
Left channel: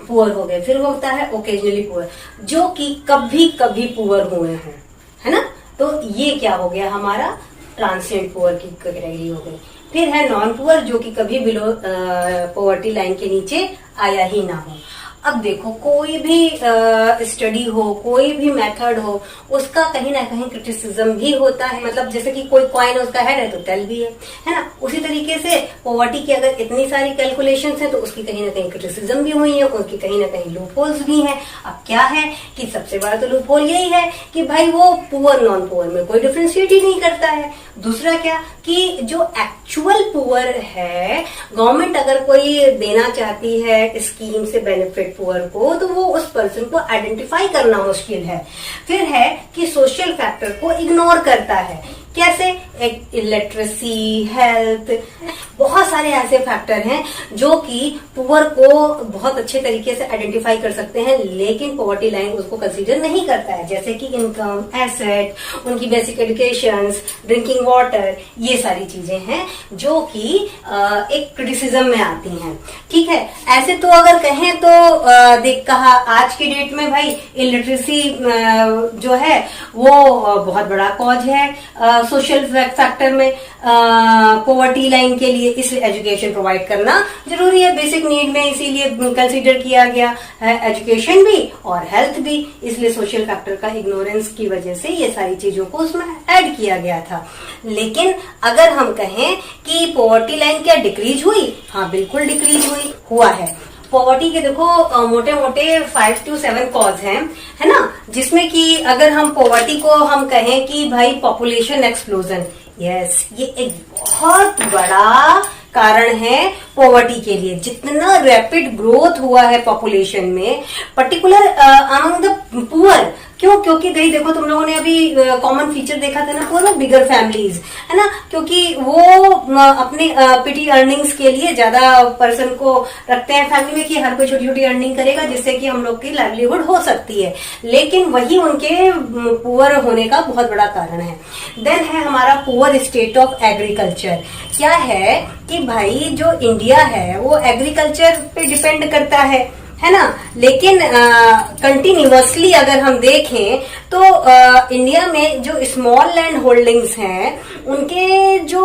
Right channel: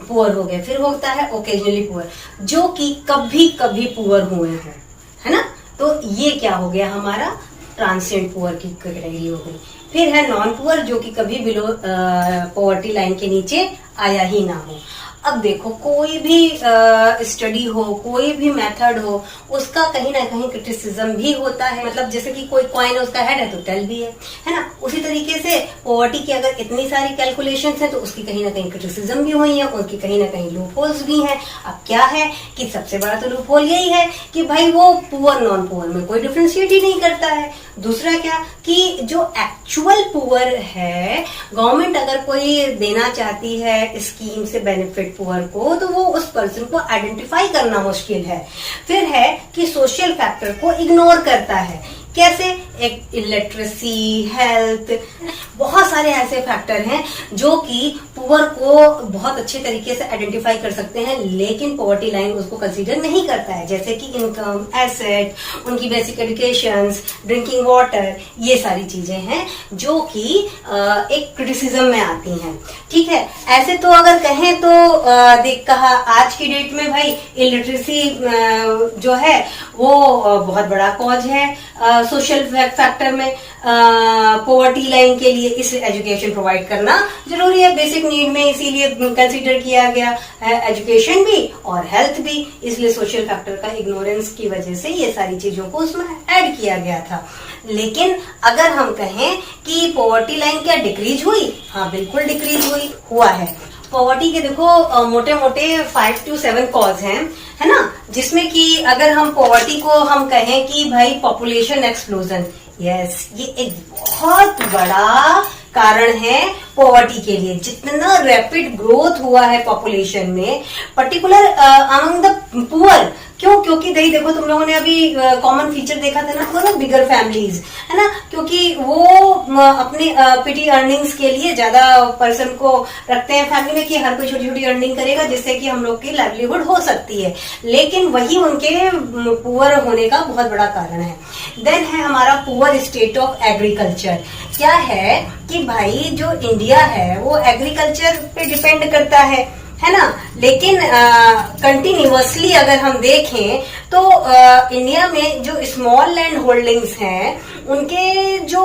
पुअर हो गए। फिर होता है ओकेजनली पुअर, जो कि कभी कभी पुअर हुए हैं, है ना। तो ये क्या हो गया हमारा ट्रांसिएंट पुअर की कैटेगरी हो गई। फिर है नॉन पुअर, जो कि कभी बिलो पॉवर्टी लाइन के नीचे आया ही ना हो। अब देखो, कोई भी स्टडी हो, कोई भी मेथड हो, उसका कहीं ना कहीं क्रिटिसिज्म भी होता है। मतलब जैसे कि कोई कॉइन उसका हेड है तो टेल भी है ना। उसी तरीके से पॉवर्टी की अगर इतनी सारी कैलकुलेशंस हैं तो उसकी कहीं ना कहीं क्रिटिसिज्म भी हुई है, उनकी कहीं ना कहीं लूप होल्स भी हैं। अब क्या है कि सबसे बड़ा तो लूप होल यही है कि भाई वो पुअर नॉन पुअर में कोई डिफ्रेंशिएट ही नहीं करता है। दूसरा क्या कि जो एक्चुअल पुअर है, गवर्नमेंट अगर कोई देना चाहती है स्कीम से बेनिफिट पुअर को, तो वो उस पर्सन को आइडेंटिफाई करना मुश्किल है। फिर है कि सोशल फैक्टर को इग्नोर करता है। कैसे? एक इलिटरेसी, हेल्थ, बहुत सारे ऐसे फैक्टर हैं जो कि पुअर को बहुत अच्छे तरीके से आइडेंटिफाई कर सकते हैं, लेकिन पॉवर्टी लाइन उसको कंसीडर नहीं करता है। जैसे कि इनकम, एसेट, उनकी बेसिक एजुकेशंस, ड्रिंकिंग वाटर, ये सारी चीजें हैं जो कि एक क्रिटिसिज्म में आती हैं। ठीक है, ऐसे तो अगर कहें तो देख कहा आज की डेट में भाई इलिटरेसी जो है वो बहुत बड़ा कॉज है सोशल फैक्टर में। पॉवर्टी लाइन के लिए इस एजुकेशन प्रोवाइड करना जरूरी है, बेसिक नीड में इसीलिए कंसीडर किया गया है एजुकेशन भी और हेल्थ भी। इसलिए सोशल फैक्टर का इग्नोरेंस की वजह से ये सारी चीजों को उसमें ऐड किया गया था। लेकिन अगर हम कहें कि पॉवर्टी लाइन क्या डिक्रीज हुई? हाँ, बिल्कुल डिक्रीज हुआ है। पॉवर्टी के देखो मोटे मोटे 5 to 7 कॉज हैं, है ना, जिसमें कि अगर हम पॉवर्टी को हम कहें कि भाई पॉपुलेशन एक्सप्लोजन, यस, ये एक बहुत बड़ा कारण है पॉवर्टी के लिए। जितना रैपिड ग्रोथ हुआ है पॉपुलेशन में, पर्टिकुलर अमंग द पुअर, क्यों? क्योंकि गई देखो तुम लोगों ने अभी कॉमन फीचर देखा था ना पुअर में, बिगर फैमिलीज, है ना, क्योंकि वो अपने पिटी अर्निंग्स के लिए ज्यादा पर्सन को रखते हैं फैमिली में कि हर कोई छोटी छोटी अर्निंग करेगा जिससे कि हम लोग की लाइवलीहुड हो सकती है, लेकिन वही उनके पुअर होने का बहुत बड़ा कारण है। देन है हमारा पुअर स्टेट ऑफ एग्रीकल्चर। क्या है कि भाई जो इंडिया है वो एग्रीकल्चर पे डिपेंड करता है ना, लेकिन कंटिन्यूअसली अगर हम देखें तो इंडिया में जो स्मॉल लैंड होल्डिंग्स हैं उनके जो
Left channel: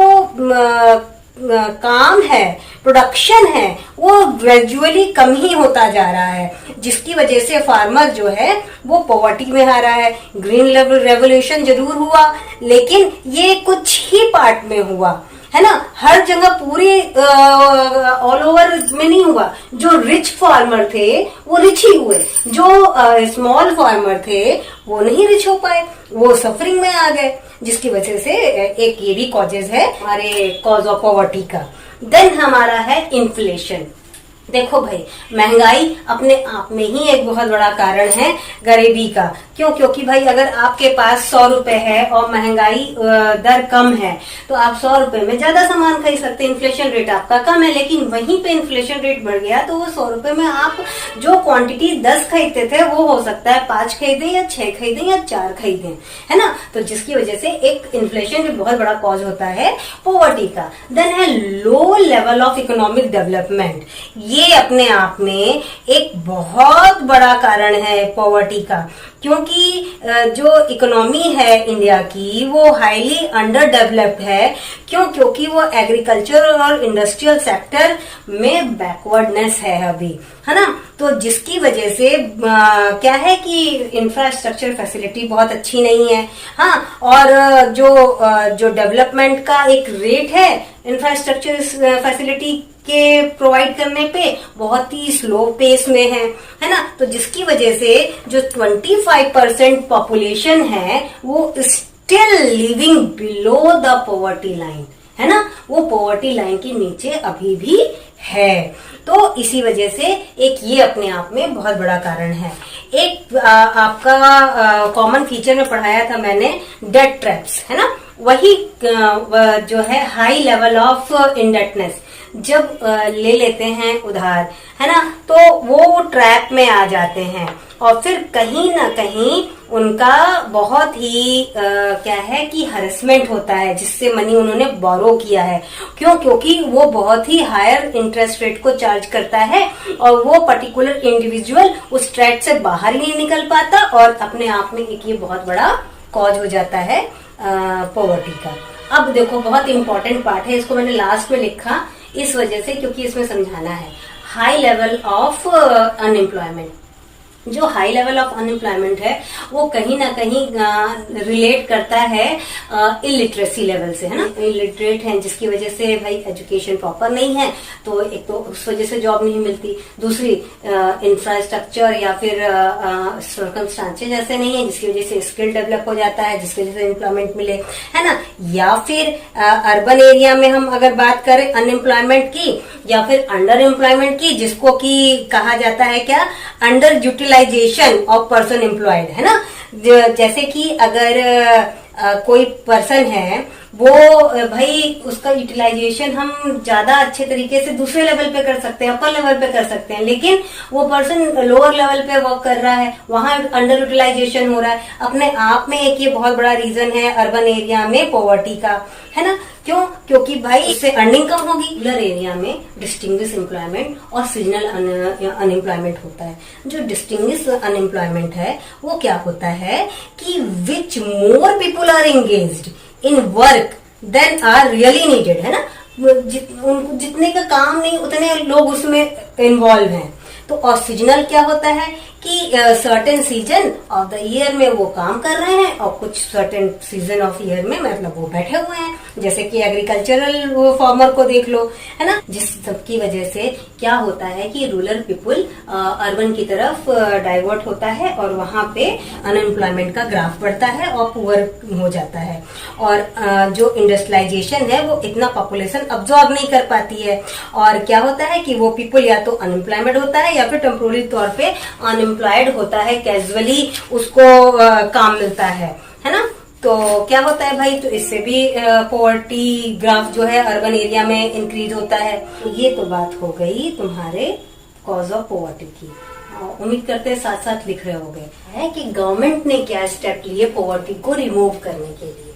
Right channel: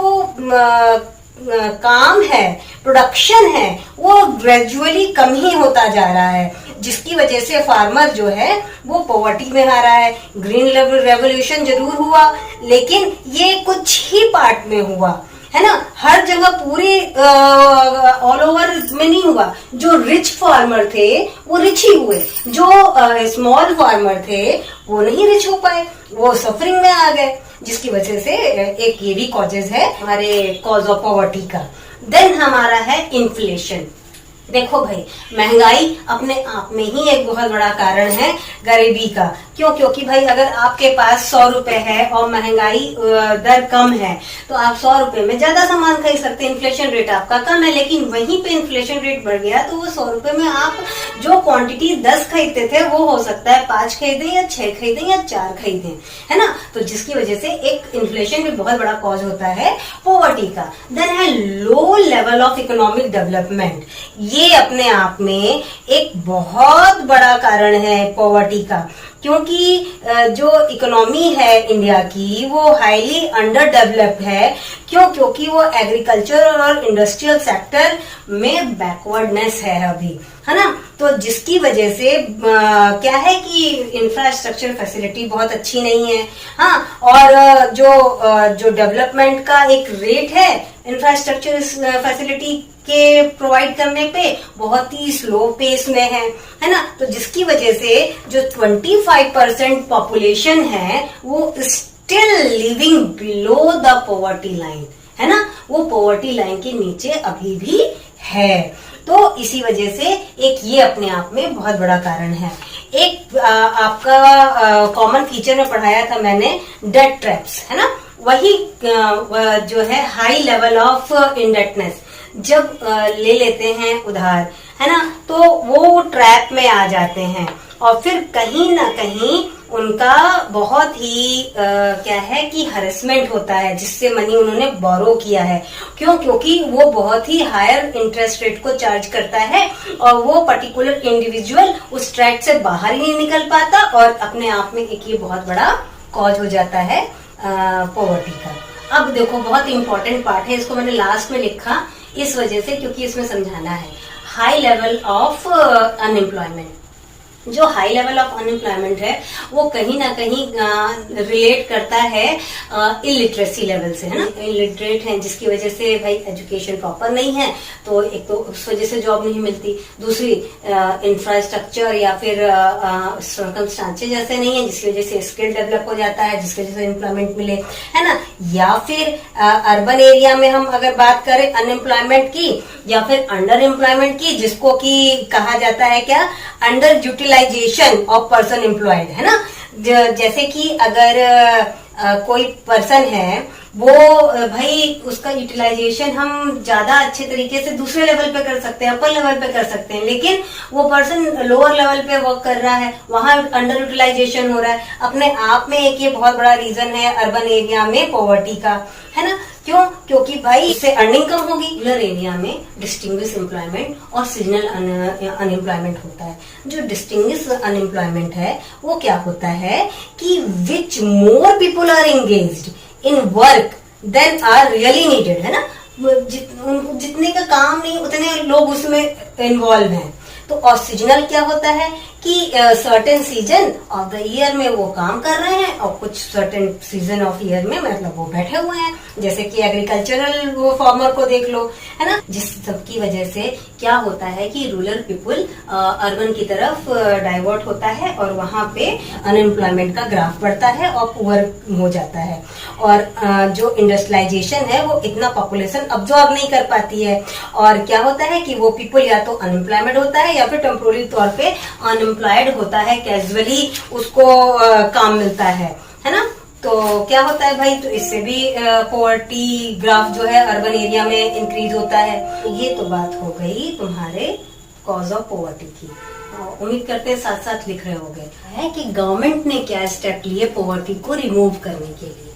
काम है, प्रोडक्शन है, वो ग्रेजुअली कम ही होता जा रहा है, जिसकी वजह से फार्मर जो है वो पॉवर्टी में आ रहा है। ग्रीन रेवोल्यूशन जरूर हुआ, लेकिन ये कुछ ही पार्ट में हुआ, है ना, हर जगह पूरे ऑल ओवर में नहीं हुआ। जो रिच फार्मर थे वो रिच ही हुए, जो स्मॉल फार्मर थे वो नहीं रिच हो पाए, वो सफरिंग में आ गए, जिसकी वजह से एक ये भी कॉजेज है हमारे कॉज ऑफ पॉवर्टी का। देन हमारा है इन्फ्लेशन। देखो भाई, महंगाई अपने आप में ही एक बहुत बड़ा कारण है गरीबी का। क्यों? क्योंकि भाई अगर आपके पास 100 रुपए है और महंगाई दर कम है तो आप 100 रुपए में ज्यादा सामान खरीद सकते हैं, इन्फ्लेशन रेट आपका कम है। लेकिन वहीं पे इन्फ्लेशन रेट बढ़ गया तो वो 100 रुपए में आप जो क्वांटिटी 10 खरीदते थे वो हो सकता है 5 खरीदें या 6 खरीदें या 4 खरीदें, है ना। तो जिसकी वजह से एक इन्फ्लेशन भी बहुत बड़ा कॉज होता है पॉवर्टी का। देन है low level of economic development. ये अपने आप में एक बहुत बड़ा कारण है पॉवर्टी का, क्योंकि जो इकोनॉमी है इंडिया की वो हाईली अंडर डेवलप्ड है। क्यों? क्योंकि वो एग्रीकल्चर और इंडस्ट्रियल सेक्टर में बैकवर्डनेस है अभी, है ना। तो जिसकी वजह से क्या है कि इंफ्रास्ट्रक्चर फैसिलिटी बहुत अच्छी नहीं है। हाँ, और जो डेवलपमेंट का एक रेट है इंफ्रास्ट्रक्चर फैसिलिटी के प्रोवाइड करने पे बहुत ही स्लो पेस में है ना। तो जिसकी वजह से जो 25% पॉपुलेशन है वो still living below the poverty line, है ना, वो पॉवर्टी लाइन के नीचे अभी भी है। तो इसी वजह से एक ये अपने आप में बहुत बड़ा कारण है। एक आपका कॉमन फीचर में पढ़ाया था मैंने, डेट ट्रैप्स, है ना। वही जो है हाई लेवल ऑफ इंडेटनेस, जब ले लेते हैं उधार, है ना, तो वो ट्रैप में आ जाते हैं और फिर कहीं ना कहीं उनका बहुत ही क्या है कि हरेसमेंट होता है जिससे मनी उन्होंने बोरो किया है। क्यों? क्योंकि वो बहुत ही हायर इंटरेस्ट रेट को चार्ज करता है और वो पर्टिकुलर इंडिविजुअल उस ट्रैप से बाहर ही नहीं निकल पाता और अपने आप में एक ये बहुत बड़ा कॉज हो जाता है पॉवर्टी का। अब देखो, बहुत इंपॉर्टेंट पार्ट है, इसको मैंने लास्ट में लिखा इस वजह से क्योंकि इसमें समझाना है। High level of unemployment. जो हाई लेवल ऑफ अनएम्प्लॉयमेंट है वो कहीं ना कहीं रिलेट करता है इलिटरेसी लेवल से, है ना। इलिटरेट है जिसकी वजह से भाई एजुकेशन प्रॉपर नहीं है, तो एक तो उस वजह से जॉब नहीं मिलती, दूसरी इंफ्रास्ट्रक्चर या फिर सर्कमस्टांसेस ऐसे नहीं है जिसकी वजह से स्किल डेवलप हो जाता है जिसकी वजह से एम्प्लॉयमेंट मिले, है ना। या फिर अर्बन एरिया में हम अगर बात करें अनएम्प्लॉयमेंट की या फिर अंडर एम्प्लॉयमेंट की, जिसको कि कहा जाता है क्या, under utilisation of person employed, है ना। जैसे कि अगर कोई पर्सन है वो भाई उसका यूटिलाइजेशन हम ज्यादा अच्छे तरीके से दूसरे लेवल पे कर सकते हैं, अपर लेवल पे कर सकते हैं, लेकिन वो पर्सन लोअर लेवल पे वर्क कर रहा है, वहां अंडर यूटिलाइजेशन हो रहा है। अपने आप में एक ये बहुत बड़ा रीजन है अर्बन एरिया में पॉवर्टी का, है ना। क्यों? क्योंकि भाई इससे अर्निंग कम होगी। रूरल एरिया में डिस्टिंग्विश एम्प्लॉयमेंट और सीजनल अनएम्प्लॉयमेंट होता है। जो डिस्टिंग्विश अनएम्प्लॉयमेंट है वो क्या होता है कि which more people are engaged in work than are really needed, है ना। जितने का काम नहीं उतने लोग उसमें इन्वॉल्व हैं। तो और सीजनल क्या होता है कि certain season of the year में वो काम कर रहे हैं और कुछ सर्टेन सीजन ऑफ ईयर में मतलब वो बैठे हुए हैं, जैसे कि एग्रीकल्चरल वो फार्मर को देख लो, है ना। जिस सबकी वजह से क्या होता है कि रूरल पीपुल अर्बन की तरफ डाइवर्ट होता है और वहां पे अनएम्प्लॉयमेंट का ग्राफ बढ़ता है और पुअर हो जाता है। और जो इंडस्ट्रियलाइजेशन है वो इतना पॉपुलेशन अब्सॉर्ब नहीं कर पाती है और क्या होता है कि वो पीपल या तो अनएम्प्लॉयमेंट होता है या फिर टेम्पोररी तौर पे अनएम्प्लॉयड होता है, कैजुअली उसको काम मिलता है ना। तो क्या होता है भाई, तो इससे भी पॉवर्टी ग्राफ जो है अर्बन एरिया में इंक्रीज होता है। तो ये तो बात हो गई तुम्हारे कॉज ऑफ पॉवर्टी की। उम्मीद करते हैं साथ साथ लिख रहे होंगे है कि गवर्नमेंट ने क्या स्टेप लिए पॉवर्टी को रिमूव करने के लिए।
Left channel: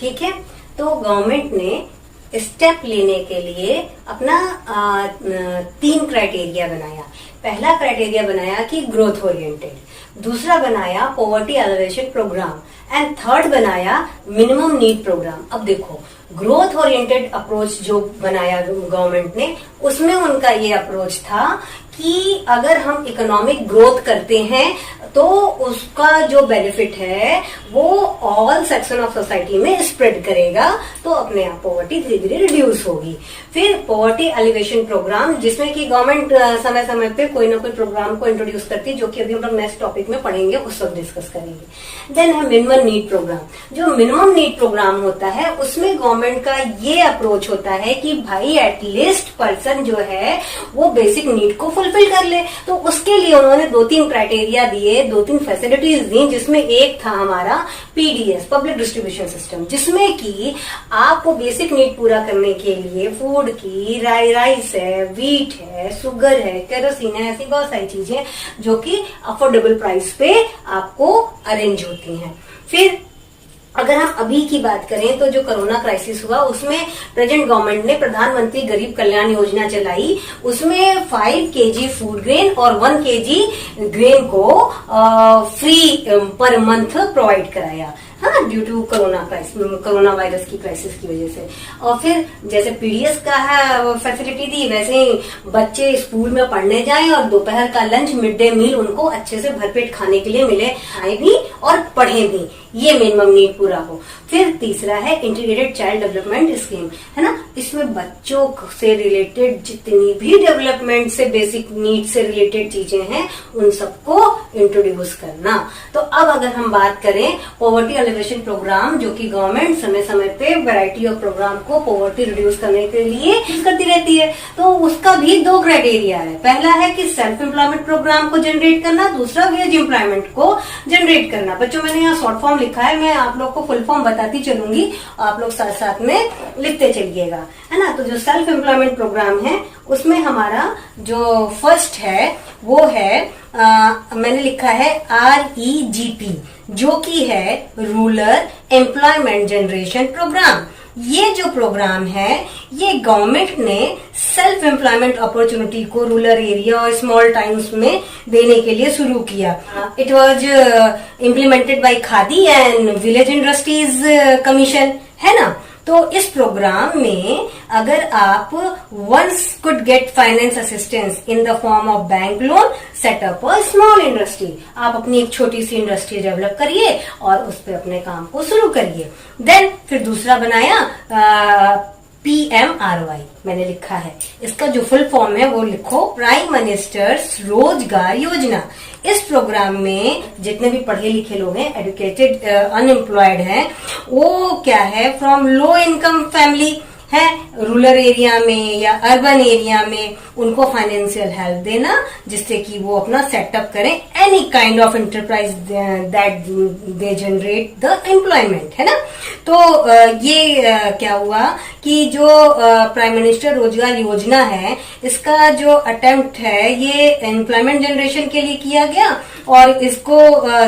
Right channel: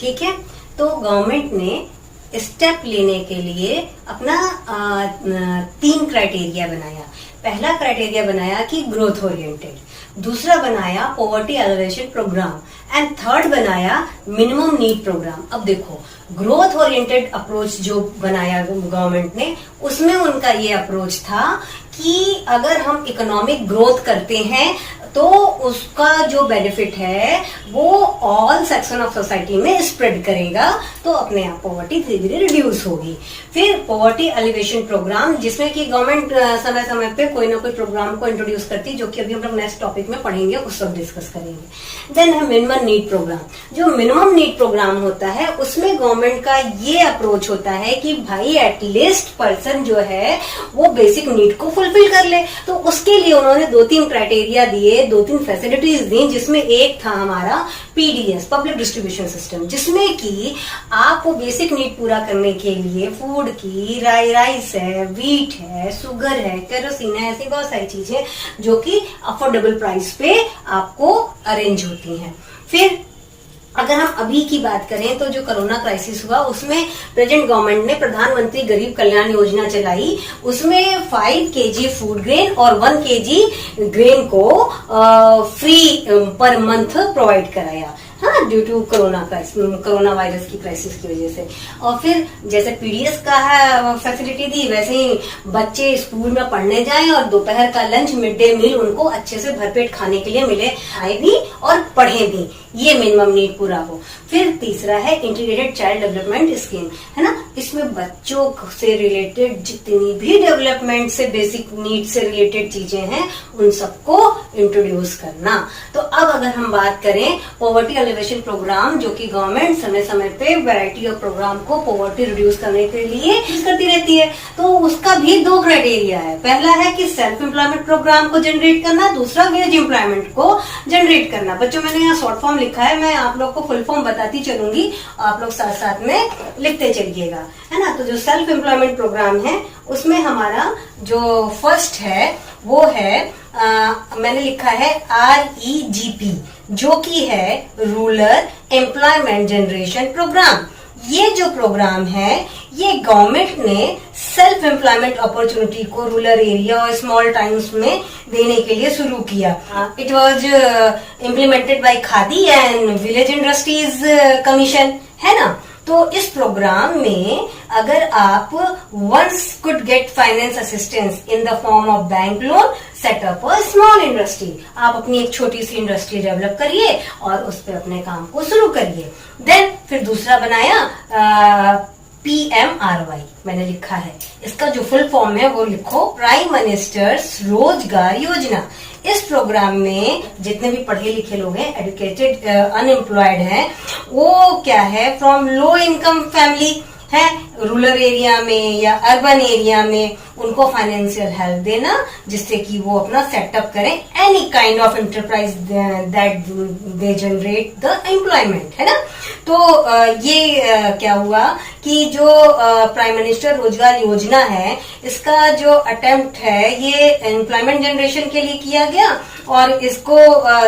ठीक है, तो गवर्नमेंट ने स्टेप लेने के लिए अपना 3 क्राइटेरिया बनाया। पहला क्राइटेरिया बनाया कि ग्रोथ ओरिएंटेड, दूसरा बनाया poverty alleviation programme and third बनाया मिनिमम नीड प्रोग्राम। अब देखो, ग्रोथ ओरिएंटेड अप्रोच जो बनाया गवर्नमेंट ने, उसमें उनका ये अप्रोच था कि अगर हम इकोनॉमिक ग्रोथ करते हैं तो उसका जो बेनिफिट है वो ऑल सेक्शन ऑफ सोसाइटी में स्प्रेड करेगा, तो अपने आप पॉवर्टी धीरे धीरे रिड्यूस होगी। फिर पॉवर्टी एलिवेशन प्रोग्राम, जिसमें कि गवर्नमेंट समय समय पे कोई ना कोई प्रोग्राम को इंट्रोड्यूस करती है, जो कि अभी हम लोग नेक्स्ट टॉपिक में पढ़ेंगे, उस सब डिस्कस करेंगे। देन है मिनिमम नीड प्रोग्राम। जो मिनिमम नीड प्रोग्राम होता है उसमें गवर्नमेंट का ये अप्रोच होता है कि भाई एटलीस्ट पर्सन जो है वो बेसिक नीड को फुलफिल कर ले। तो उसके लिए उन्होंने 2-3 क्राइटेरिया दिए, 2-3 फैसिलिटीज दी, जिसमें एक था हमारा पीडीएस, पब्लिक डिस्ट्रीब्यूशन सिस्टम, जिसमें कि आपको बेसिक नीड पूरा करने के लिए फूड की राइस है, वीट है, शुगर है, केरोसिन है, ऐसी बहुत सारी चीजें जो कि अफोर्डेबल प्राइस पे आपको अरेंज होती हैं। फिर अगर हम अभी की बात करें तो जो कोरोना क्राइसिस हुआ उसमें प्रेजेंट गवर्नमेंट ने प्रधानमंत्री गरीब कल्याण योजना चलाई। उसमें 5 kg फूड ग्रेन और 1 kg ग्रेन को फ्री पर मंथ प्रोवाइड कराया, हाँ, ड्यू टू कोरोना वायरस की क्राइसिस की वजह से। और फिर जैसे पीडीएस का है फैसिलिटी दी, वैसे ही बच्चे स्कूल में पढ़ने जाएं और दोपहर का लंच, मिड डे मील उनको अच्छे से भरपेट खाने के लिए मिले, खाए भी और पढ़े भी, ये मिनिमम नीड पूरा हो। फिर तीसरा है इंटीग्रेटेड चाइल्ड डेवलपमेंट स्कीम, है ना, इसमें बच्चों से रिलेटेड जितनी भी डेवलपमेंट से बेसिक नीड से रिलेटेड चीजें हैं उन सबको इंट्रोड्यूस करना। तो अब अगर हम बात करें पॉवर्टी एलिवेशन प्रोग्राम, जो कि गवर्नमेंट समय समय पे वैरायटी ऑफ प्रोग्राम को पॉवर्टी रिड्यूस करने के लिए यूज करती रहती है, तो उसका भी 2 क्राइटेरिया है। पहला है कि सेल्फ एम्प्लॉयमेंट प्रोग्राम को जनरेट करना, दूसरा वेज एम्प्लॉयमेंट को जनरेट करना। बच्चों मैंने यहाँ शॉर्ट फॉर्म लिखा है, मैं आप लोग को फुल फॉर्म बताती चलूंगी, आप लोग साथ साथ में लिखते चलिएगा, है ना। तो जो सेल्फ एम्प्लॉयमेंट प्रोग्राम है उसमें हमारा जो फर्स्ट है वो है मैंने लिखा है REGP, जो कि है रूरल एम्प्लॉयमेंट जनरेशन प्रोग्राम। ये जो प्रोग्राम है ये गवर्नमेंट ने सेल्फ एम्प्लॉयमेंट अपॉर्चुनिटी को रूरल एरिया और स्मॉल टाउन्स में देने के लिए शुरू किया। It was implemented by Khadi and village industries commission, है ना। तो इस प्रोग्राम में अगर आप once could get finance assistance in the form of bank loan, set up a small industry, आप अपनी एक छोटी सी इंडस्ट्री डेवलप करिए और उस पर अपने काम को शुरू करिए। देन फिर दूसरा बनाया PMRY, मैंने लिखा है, इसका जो फुल फॉर्म है वो लिखो, प्राइम मिनिस्टर्स रोजगार योजना। इस प्रोग्राम में जितने भी पढ़े लिखे लोग हैं, एजुकेटेड अनएम्प्लॉयड हैं, वो क्या है, फ्रॉम लो इनकम फैमिली है, रूरल एरिया में या अर्बन एरिया में उनको फाइनेंशियल हेल्प देना, जिससे कि वो अपना सेटअप करें any kind of enterprise that they generate the employment, है ना। तो ये क्या हुआ कि जो प्राइम मिनिस्टर रोजगार योजना है, इसका जो अटेम्प्ट है ये एम्प्लॉयमेंट जनरेशन के लिए किया गया और इसको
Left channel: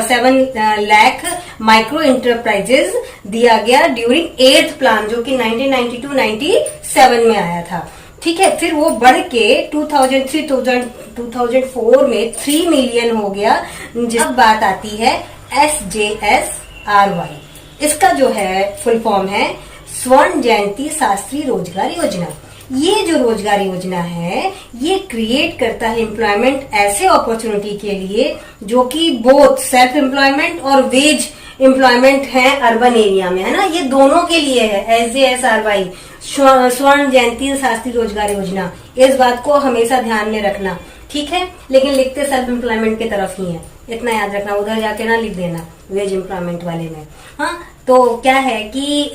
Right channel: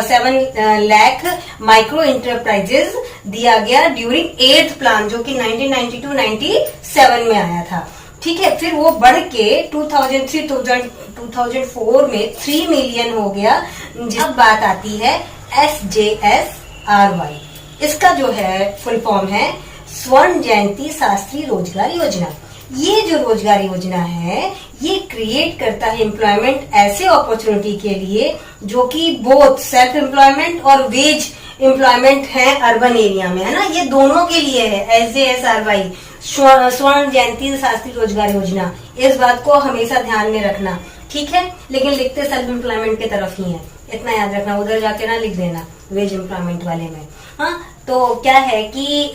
7 लाख माइक्रो इंटरप्राइजेज दिया गया ड्यूरिंग 8th प्लान, जो कि 1992-97 में आया था। ठीक है, फिर वो बढ़ के 2004 में 3 मिलियन हो गया। जिस बात आती है SJSRY, इसका जो है फुल फॉर्म है स्वर्ण जयंती शास्त्री रोजगार योजना। ये जो रोजगार योजना है ये क्रिएट करता है एम्प्लॉयमेंट ऐसे अपॉर्चुनिटी के लिए जो कि बोथ सेल्फ एम्प्लॉयमेंट और वेज एम्प्लॉयमेंट है अर्बन एरिया में, है ना। ये दोनों के लिए है SJSRY, स्वर्ण जयंती शास्त्री रोजगार योजना। इस बात को हमेशा ध्यान में रखना, ठीक है। लेकिन लिखते सेल्फ एम्प्लॉयमेंट की तरफ ही है, इतना याद रखना, उधर जाके ना लिख देना वेज एम्प्लॉयमेंट वाले में। हाँ, तो क्या है कि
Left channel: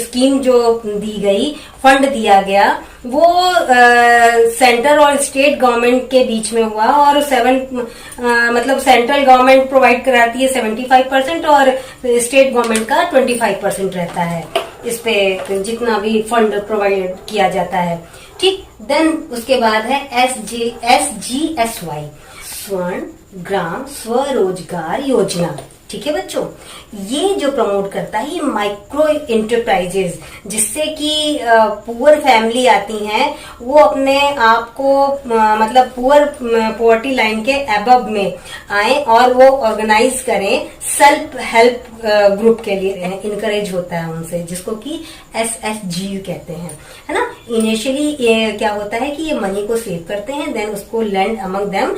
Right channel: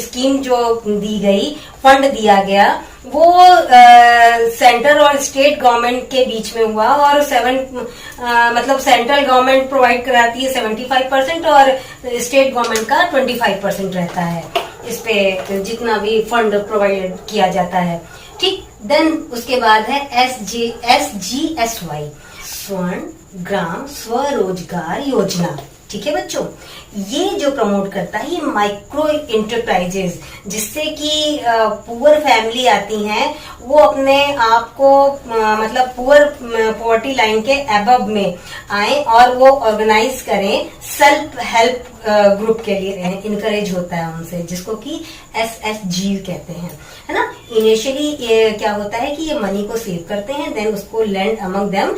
स्कीम जो दी गई, फंड दिया गया, वो सेंटर और स्टेट गवर्नमेंट के बीच में हुआ और मतलब सेंट्रल गवर्नमेंट प्रोवाइड कराती है 75% और स्टेट गवर्नमेंट का 25% रहता है इस पे जितना भी फंड प्रोवाइड किया जाता है, ठीक। देन उसके बाद है SGSY, स्वर्ण ग्राम स्वरोजगार योजना, ठीक है बच्चों। ये जो प्रमोट करता है ये माइक्रो इंटरप्राइजेज, जिससे कि पुअर फैमिली आती हैं वो अपने आप को मतलब पॉवर्टी लाइन के अबव में आए और वो ऑर्गेनाइज करें सेल्फ हेल्प ग्रुप के लिए, इनकरेज होता है उनसे, जिसको कि SHG कहते हैं, है ना। इनिशियली ये क्या होता है कि ये मनी को सेव करते हैं, देन उसको land among them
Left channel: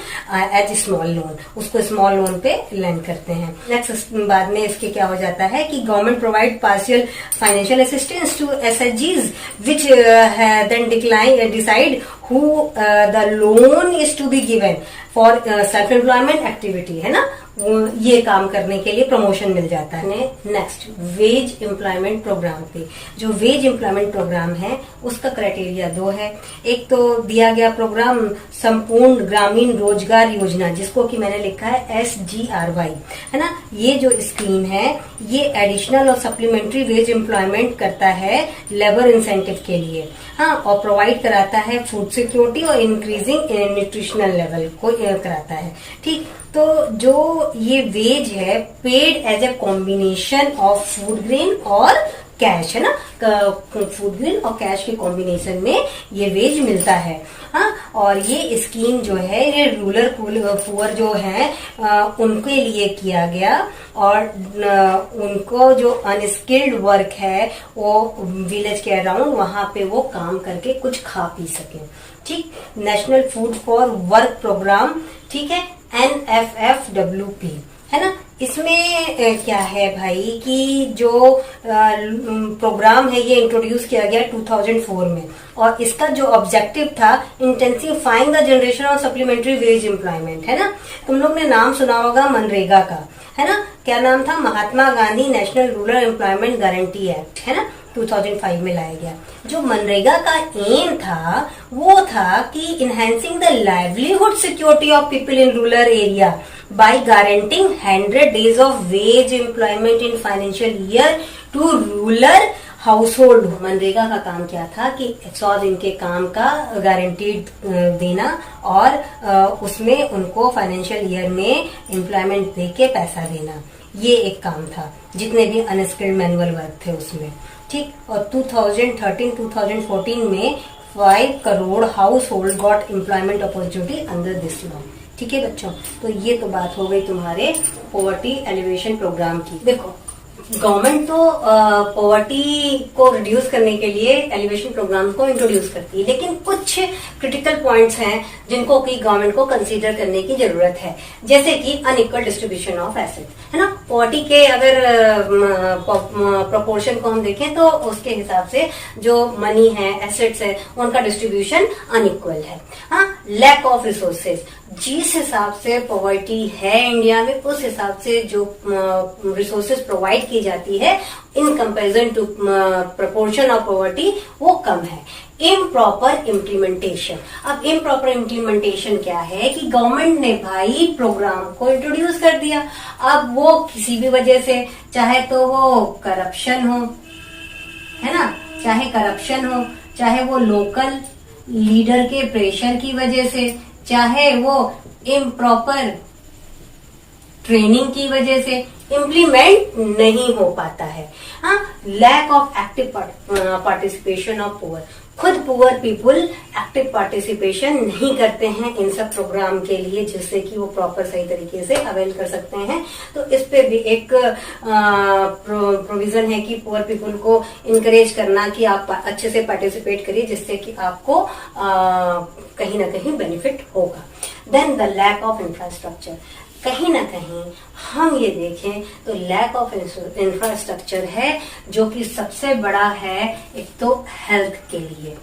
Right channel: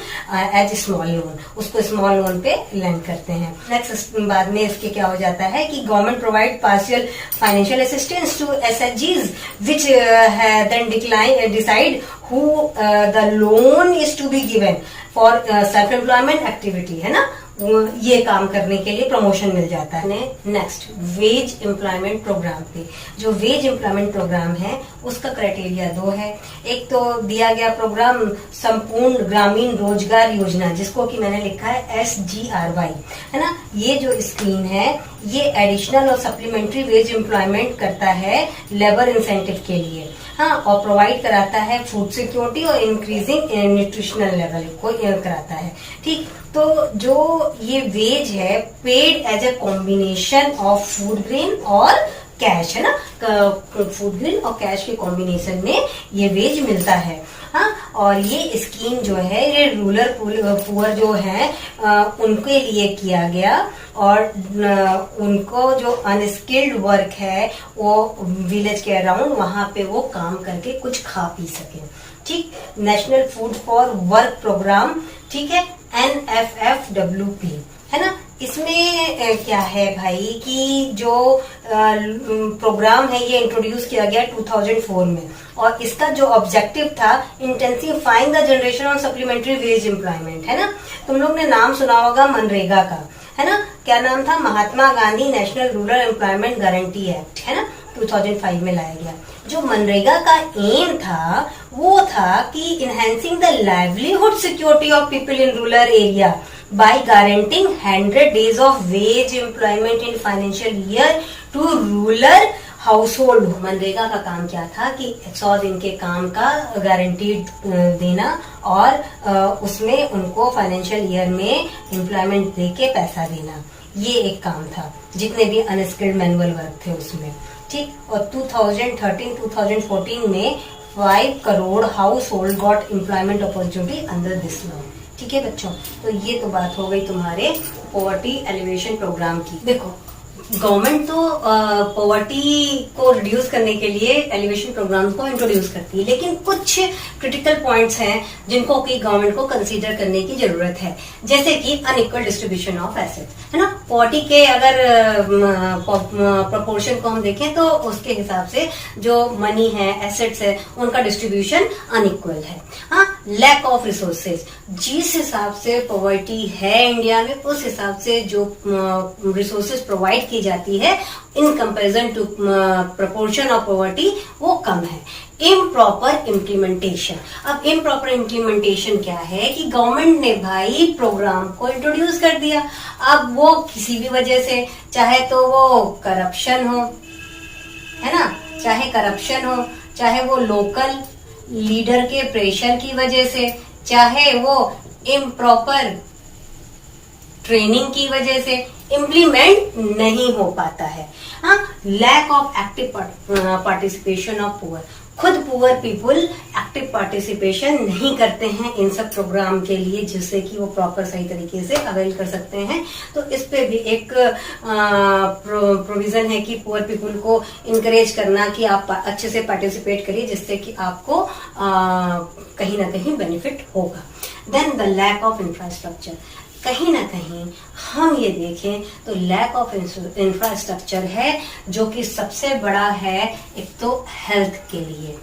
as small loan, loan, उसको स्मॉल लोन पे लेंड करते हैं। नेक्स्ट बाद में इसके क्या हो जाता है कि government provide partial financial assistance to एसएचजीज which then decide who the loan is to be given for self employment activity, है ना, ये काम करने के लिए प्रमोशन मिल जाता है। नेक्स्ट वेज एम्प्लॉयमेंट प्रोग्राम पे, जो वेज एम्प्लॉयमेंट प्रोग्राम है उसका क्राइटेरिया 2 है। एक तो दिया गया प्रोग्राम संपूर्ण ग्रामीण रोजगार योजना, जिसको कि मैंने लिखा है SGRY, है ना। ये जो स्कीम है ये एडिशनल और सप्लीमेंट्री वेज एम्प्लॉयमेंट करता है लेबर इंसेंटिव के लिए, हाँ, और प्रोवाइड कराता है फूड सिक्योरिटी और इंक्रीजिंग न्यूट्रिशनल लेवल को कराता है। ठीक, तो जो ये वेज है paid as a combination of food grain और कैश, है ना, फूड ग्रेन और कैश के कॉम्बिनेशन में ये वेज मिलता है, हाँ। और ये स्कीम जो है ये रूरल पुअर जो है उनके लिए किया गया, और उनको जो अनस्किल्ड वर्क है वो विलेज के अराउंड वहां पे वो काम करके कुछ खा पी सके। ठीक, national food for work programme, ठीक है, NFFWP, है ना। इसमें क्या है भाई कि जो प्रोग्राम है ये इंट्रोड्यूस किया गया 2004 में, और इसका जो ऑब्जेक्टिव था intensifying the generation of supplementary veg employment, है ना। तुम लोग ने नाम सुना होगा मनरेगा का, है ना। क्या नाम था? Mahatma Gandhi national rural employment guarantee act, है ना, 2005 में लाया गया। जो मनरेगा का एम था वो था कि enhancing the livelihood security of people in rural area by guaranteeing 100 days of wage employment in financial year to rural household. MNREGA का काम क्या था कि 100 दिन के काम का गारंटीड देना और उसमें उनको फाइनेंशियल ईयर में एम्प्लॉयमेंट देके पैसा देना, ये एक काम था जितने भी अनस्किल्ड मैनुअल वर्क थे उसमें। ठीक, और 2013-2014 में 5 crore house hold got employment opportunity under this law. ठीक है बच्चों, तो ये तो बात हो गई तुम्हारे पॉवर्टी एलिवेशन प्रोग्राम की। देखो, गवर्नमेंट तो पॉवर्टी को रिड्यूस करने के लिए एलिवेशन प्रोग्राम को इंट्रोड्यूस करती है, लेकिन कुछ क्रिटिकल पॉइंट्स हैं जिनको कि गवर्नमेंट को कंसीडर करने की जरूरत है, जैसे कि अनइक्वल डिस्ट्रीब्यूशन ऑफ एसेट्स, है ना। पॉवर्टी के अगर प्रोपोर्शन को हम देखें तो उसके हिसाब से जो मनी है, एसेट्स है, उनका डिस्ट्रीब्यूशन अनइक्वल है। हाँ, लैक ऑफ रिसोर्सेज, जिस हिसाब से पॉवर्टी है इंडिया में उस हिसाब से जो रिसोर्सेज प्रोवाइड की जाती है in comparison to proportion of poverty वो कम है। इम्प्रॉपर इम्प्लीमेंटेशन, अब इम्प्रॉपर इम्प्लीमेंटेशन क्या है कि गवर्नमेंट ने भाई प्रोग्राम को इंट्रोड्यूस कर दिया, अब वो किसी भी वजह से, चाहे तो वो करप्शन हो, है ना, चाहे करप्शन हो, चाहे वो लोकल लीडर के प्रेशर की वजह से, चाहे वो इम्प्रॉपर ट्रेनिंग की वजह से इम्प्लीमेंट नहीं हो पाता है। हाँ, lack of active participation of poor, खुद पुअर पीपुल एक्टिव पार्टिसिपेशन नहीं करते हैं इन सब प्रोग्राम के लिए जिससे कि वो प्रॉपर सही तरीके से अवेल कर सकते हैं। तो इस पे भी एक प्रोविजन है कि पुअर पीपुल को इनकरेज करना कि आप अच्छे से पार्टिसिपेट करिए जिससे कि आपको कहीं ना कहीं बेनिफिट होगा। Then the lack of infrastructure, कहीं ना कहीं हम ये देखें तो लैक ऑफ इंफ्रास्ट्रक्चर है जो कि सबसे बड़ा है। एक तो हेल्थ के लिए,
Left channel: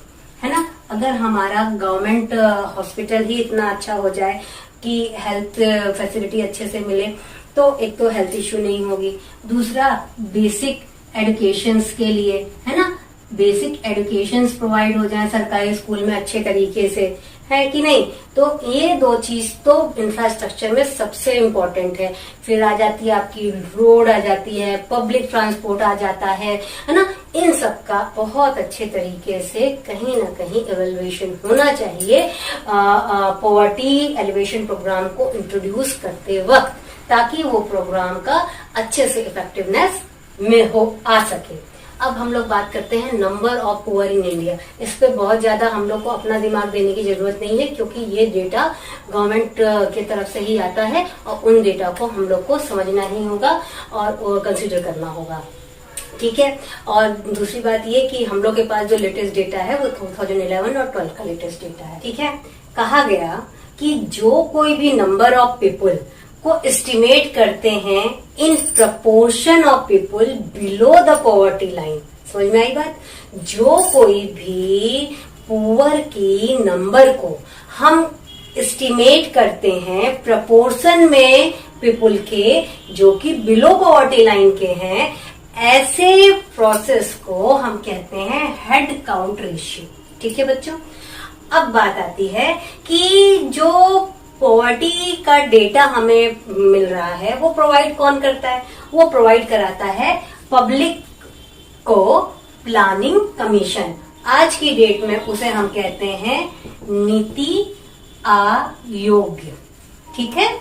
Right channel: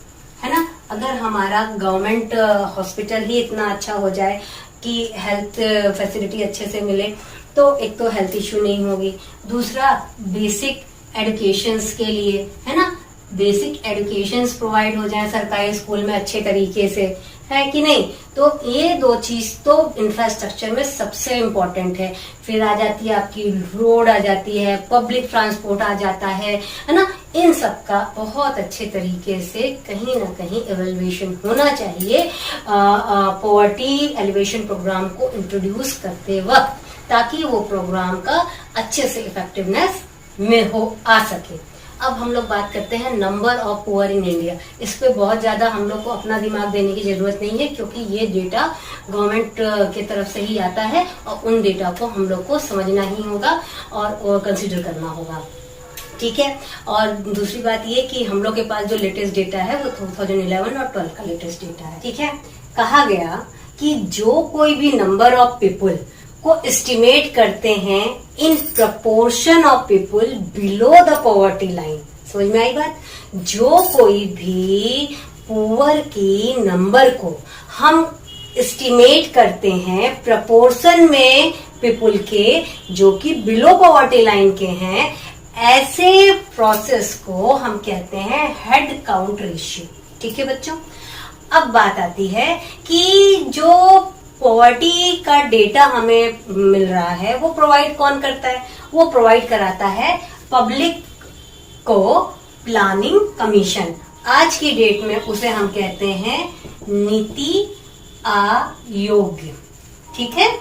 है ना, अगर हमारा गवर्नमेंट हॉस्पिटल ही इतना अच्छा हो जाए कि हेल्थ फैसिलिटी अच्छे से मिले तो एक तो हेल्थ इश्यू नहीं होगी। दूसरा, बेसिक एजुकेशंस के लिए, है ना, बेसिक एजुकेशंस प्रोवाइड हो जाए सरकारी स्कूल में अच्छे तरीके से, है कि नहीं। तो ये दो चीज तो इंफ्रास्ट्रक्चर में सबसे इम्पोर्टेंट है। फिर आ जाती है आपकी रोड, आ जाती है पब्लिक ट्रांसपोर्ट, आ जाता है ना। इन सब का बहुत अच्छे तरीके से कहीं ना कहीं एवेल्युएशन होना चाहिए पॉवर्टी एलिवेशन प्रोग्राम को इंट्रोड्यूस करते वक्त, ताकि वो प्रोग्राम का अच्छे से इफेक्टिवनेस में हो आ सके। अब हम लोग बात करते हैं number of poor in India. इस पे बहुत ज्यादा हम लोग को अपना दिमाग देने की जरूरत नहीं है क्योंकि ये डेटा गवर्नमेंट की तरफ से ही आता है और उन डेटा को हम लोग को समझना ही होगा और कंसीडर करना होगा। ठीक है, और दूसरी बात ये कि हम लोग के पास जो लेटेस्ट डेटा है वो 2011 और 12 का लेटेस्ट डेटा है। ठीक है, कहा गया कि जो कोई भी नंबर ऑफ पीपल को एस्टिमेट करते हैं in proportion of people below the poverty line. समझ में आई बात? जो कोई भी पुअर की नंबर को हम एस्टिमेट करते हैं प्रपोर्शन में पीपल के जो कि बिलो पॉवर्टी लाइन के हैं, ऐसे प्रोसेस को हम कहते हैं हेड काउंट रेशियो। ठीक है बच्चों, अब बात आती है कि जो पॉवर्टी का डेटा हमें मिल रहा है वो प्रोवाइड कौन करता है? वो प्रोवाइड कराता है पब्लिक को प्लानिंग कमीशन। आज की डेट में उसे हम कहते हैं नीति आयोग। ठीक है,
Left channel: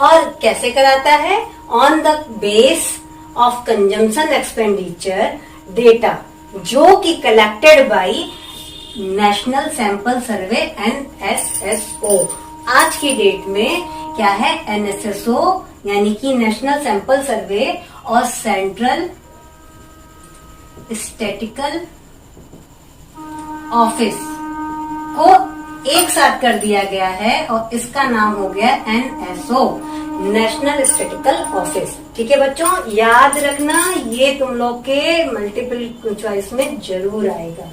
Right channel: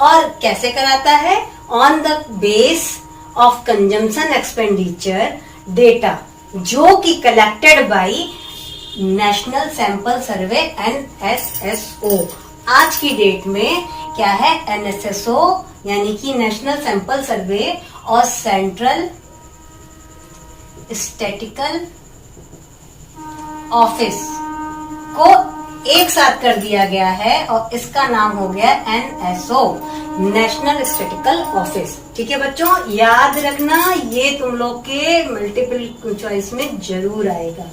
और कैसे कराता है? On the base of consumption expenditure data जो कि collected by national sample survey NSSO। आज की डेट में क्या है? NSSO यानी कि नेशनल सैंपल सर्वे और सेंट्रल स्टैटिस्टिकल ऑफिस को एक साथ कर दिया गया है और इसका नाम हो गया NSO, नेशनल स्टैटिस्टिकल ऑफिस। ठीक है बच्चों, याद रखना, ये तुम लोग के मल्टीपल चॉइस में जरूर आएगा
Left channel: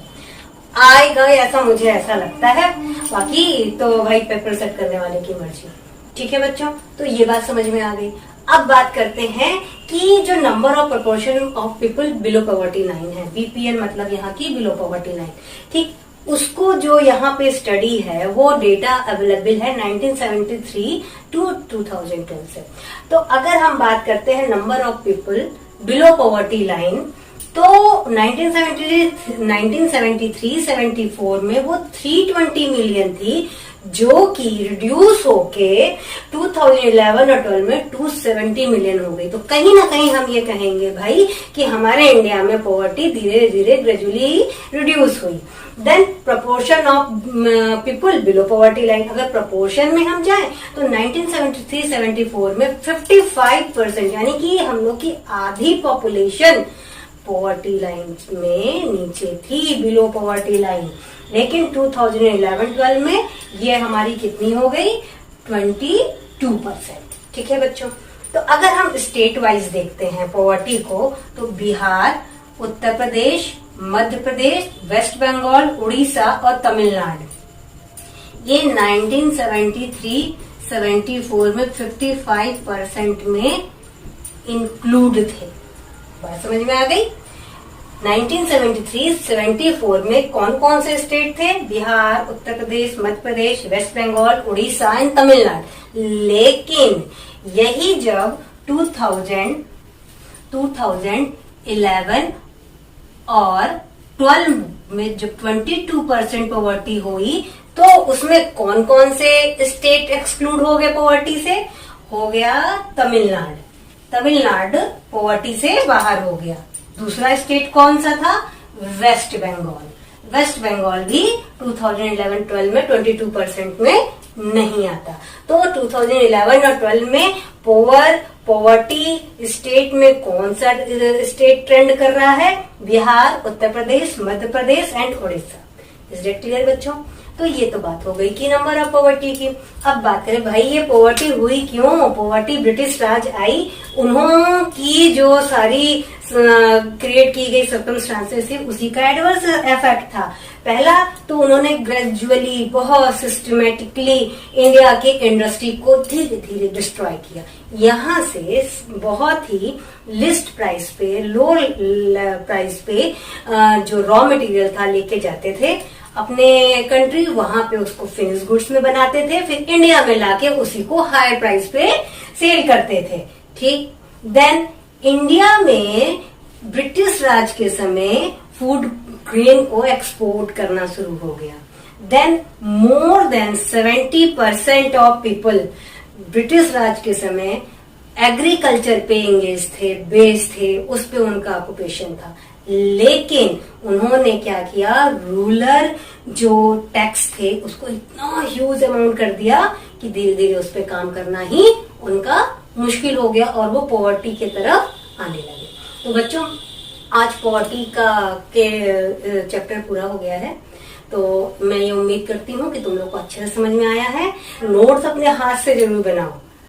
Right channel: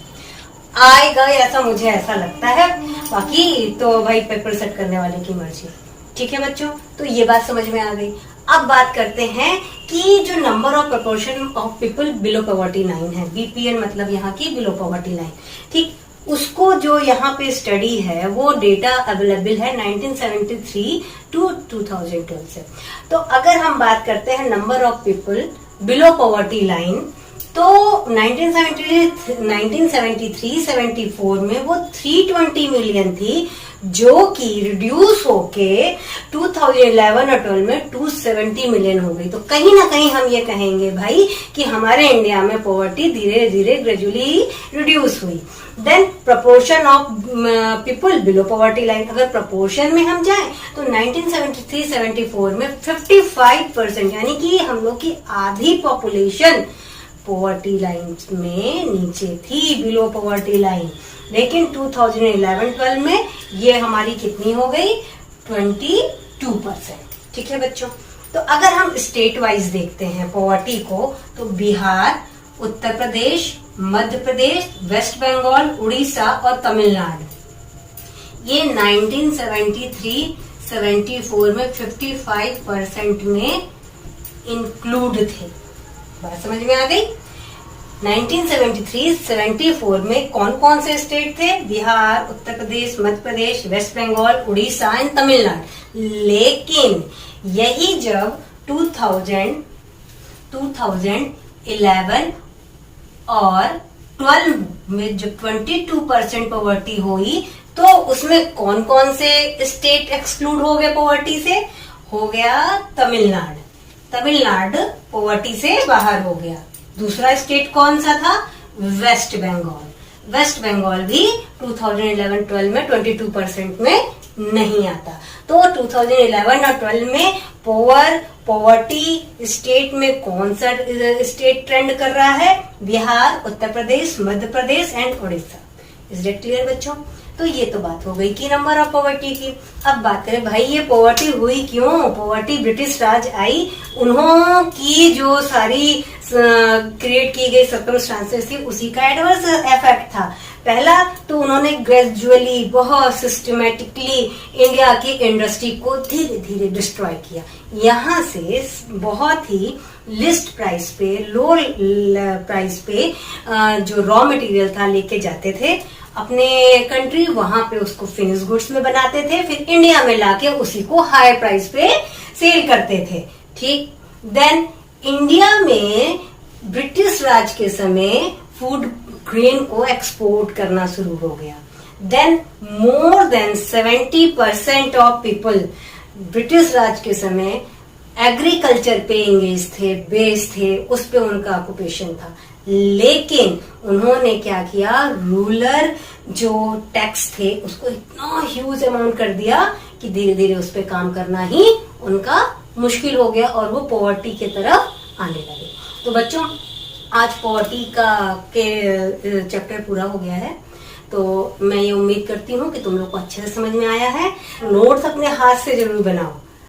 ऐसा मुझे ऐसा लगता है, बाकी तो भाई पेपर सेट करने वाले की मर्जी। ठीक है बच्चों, तो ये बात समझ में आ गई। अब बात करते हैं कि जो number of proportion of people below poverty line है, BPL मतलब यहाँ की बिलो पॉवर्टी लाइन। ठीक, उसको जो यहाँ पे स्टडी है वो डेटा अवेलेबल है 1973 टू 2012 से। तो अगर हम बात करते हैं number of people below poverty line, तो 1973-74 में वो 320 मिलियन थी, जो कि रिड्यूस होके 2011 और 12 में 270 मिलियन हो गई। तो कहीं ना कहीं हम ये कहेंगे भाई कि हमारे इंडिया में पॉवर्टी धीरे धीरे ग्रेजुअली रिड्यूस हुई। Then proportion of people below poverty line, अगर प्रपोर्शन में हम जाएं तो 1973-74 में 55% यानी कि हम लोग की आधी पॉपुलेशन पॉवर्टी लाइन में नीचे थी, बिलो पॉवर्टी लाइन। लेकिन 2011-12 में ये हमारी कितनी हो गई? 22%। ठीक है बच्चों, तो अगर हम स्टेट वाइज देखते हैं पॉवर्टी को, तो बिहार, उत्तर प्रदेश, मध्य प्रदेश, वेस्ट बंगाल, उड़ीसा और तमिलनाडु, ये 1973-74 में 55% में इंक्लूड थे। बात समझ में आ गई? 1973-74 में कौन कौन से स्टेट थे? बिहार, उत्तर प्रदेश, मध्य प्रदेश, वेस्ट बंगाल, उड़ीसा एंड तमिलनाडु। लेकिन यही जब 2011 और 12 में जब 22% पॉवर्टी हुई, तो उसमें कौन कौन से स्टेट एक्सक्लूड हो गए पॉवर्टी से? हो गया तमिलनाडु। तमिलनाडु पॉवर्टी से बाहर हो गया। दूसरा स्टेट कौन सा था? वेस्ट बंगाल। वेस्ट बंगाल भी 2011-12 में 22% में नहीं आता। तो 2011 और 12 में पॉवर्टी स्टेट में कौन सा स्टेट ट्रेंड कर रहा है? Bihar, Uttar Pradesh, Madhya Pradesh and Orissa. Is it clear बच्चों? तो ये तो बात हो गई कि नंबर ऑफ पॉवर्टी की। अब बात करें भाई ये पॉवर्टी हुई क्यों? पॉवर्टी ब्रिटिश राज आई, उन्हों की जो सारी क्रिएट की गई सर्कमस्टांसेस थी उसी का एडवर्स इफेक्ट था। पहला तो उन्होंने ग्रेजुअली बहुत सिस्टमेटिकली इंडिया की इंडस्ट्री को धीरे धीरे डिस्ट्रॉय किया। यहाँ से बहुत ही लिस्ट प्राइस पे, लो प्राइस पे जो रॉ मटेरियल था लेके जाते थे अपने कंट्री, वहां पे उसको फिनिश गुड्स में बनाते थे, फिर इंडिया में लाके उसी को हाई प्राइस पे सेल करते थे। ठीक, देन इंडिया में ब्रिटिश राज के समय फूड ग्रेन को एक्सपोर्ट करना शुरू हो गया। Then more than 70% of people British Raj के समय एग्रीकल्चर पे एंगेज थे, बेस थे, उस पे उनका ऑक्यूपेशन था। लेकिन उन्होंने क्या किया? रूरल जो टैक्स थे उसको इतना ह्यूज अमाउंट कर दिया कि धीरे धीरे उस पे काम करना ही उनका मुश्किल हो गया और वो पॉवर्टी की तरफ आने लगे। तो बच्चों आज पॉवर्टी का के चैप्टर पूरा हो गया है। तो मैं ये उम्मीद करती हूँ कि तुम लोग को अच्छे से समझ में आया है। नोट्स अपने हाथ से जरूर बनाओ।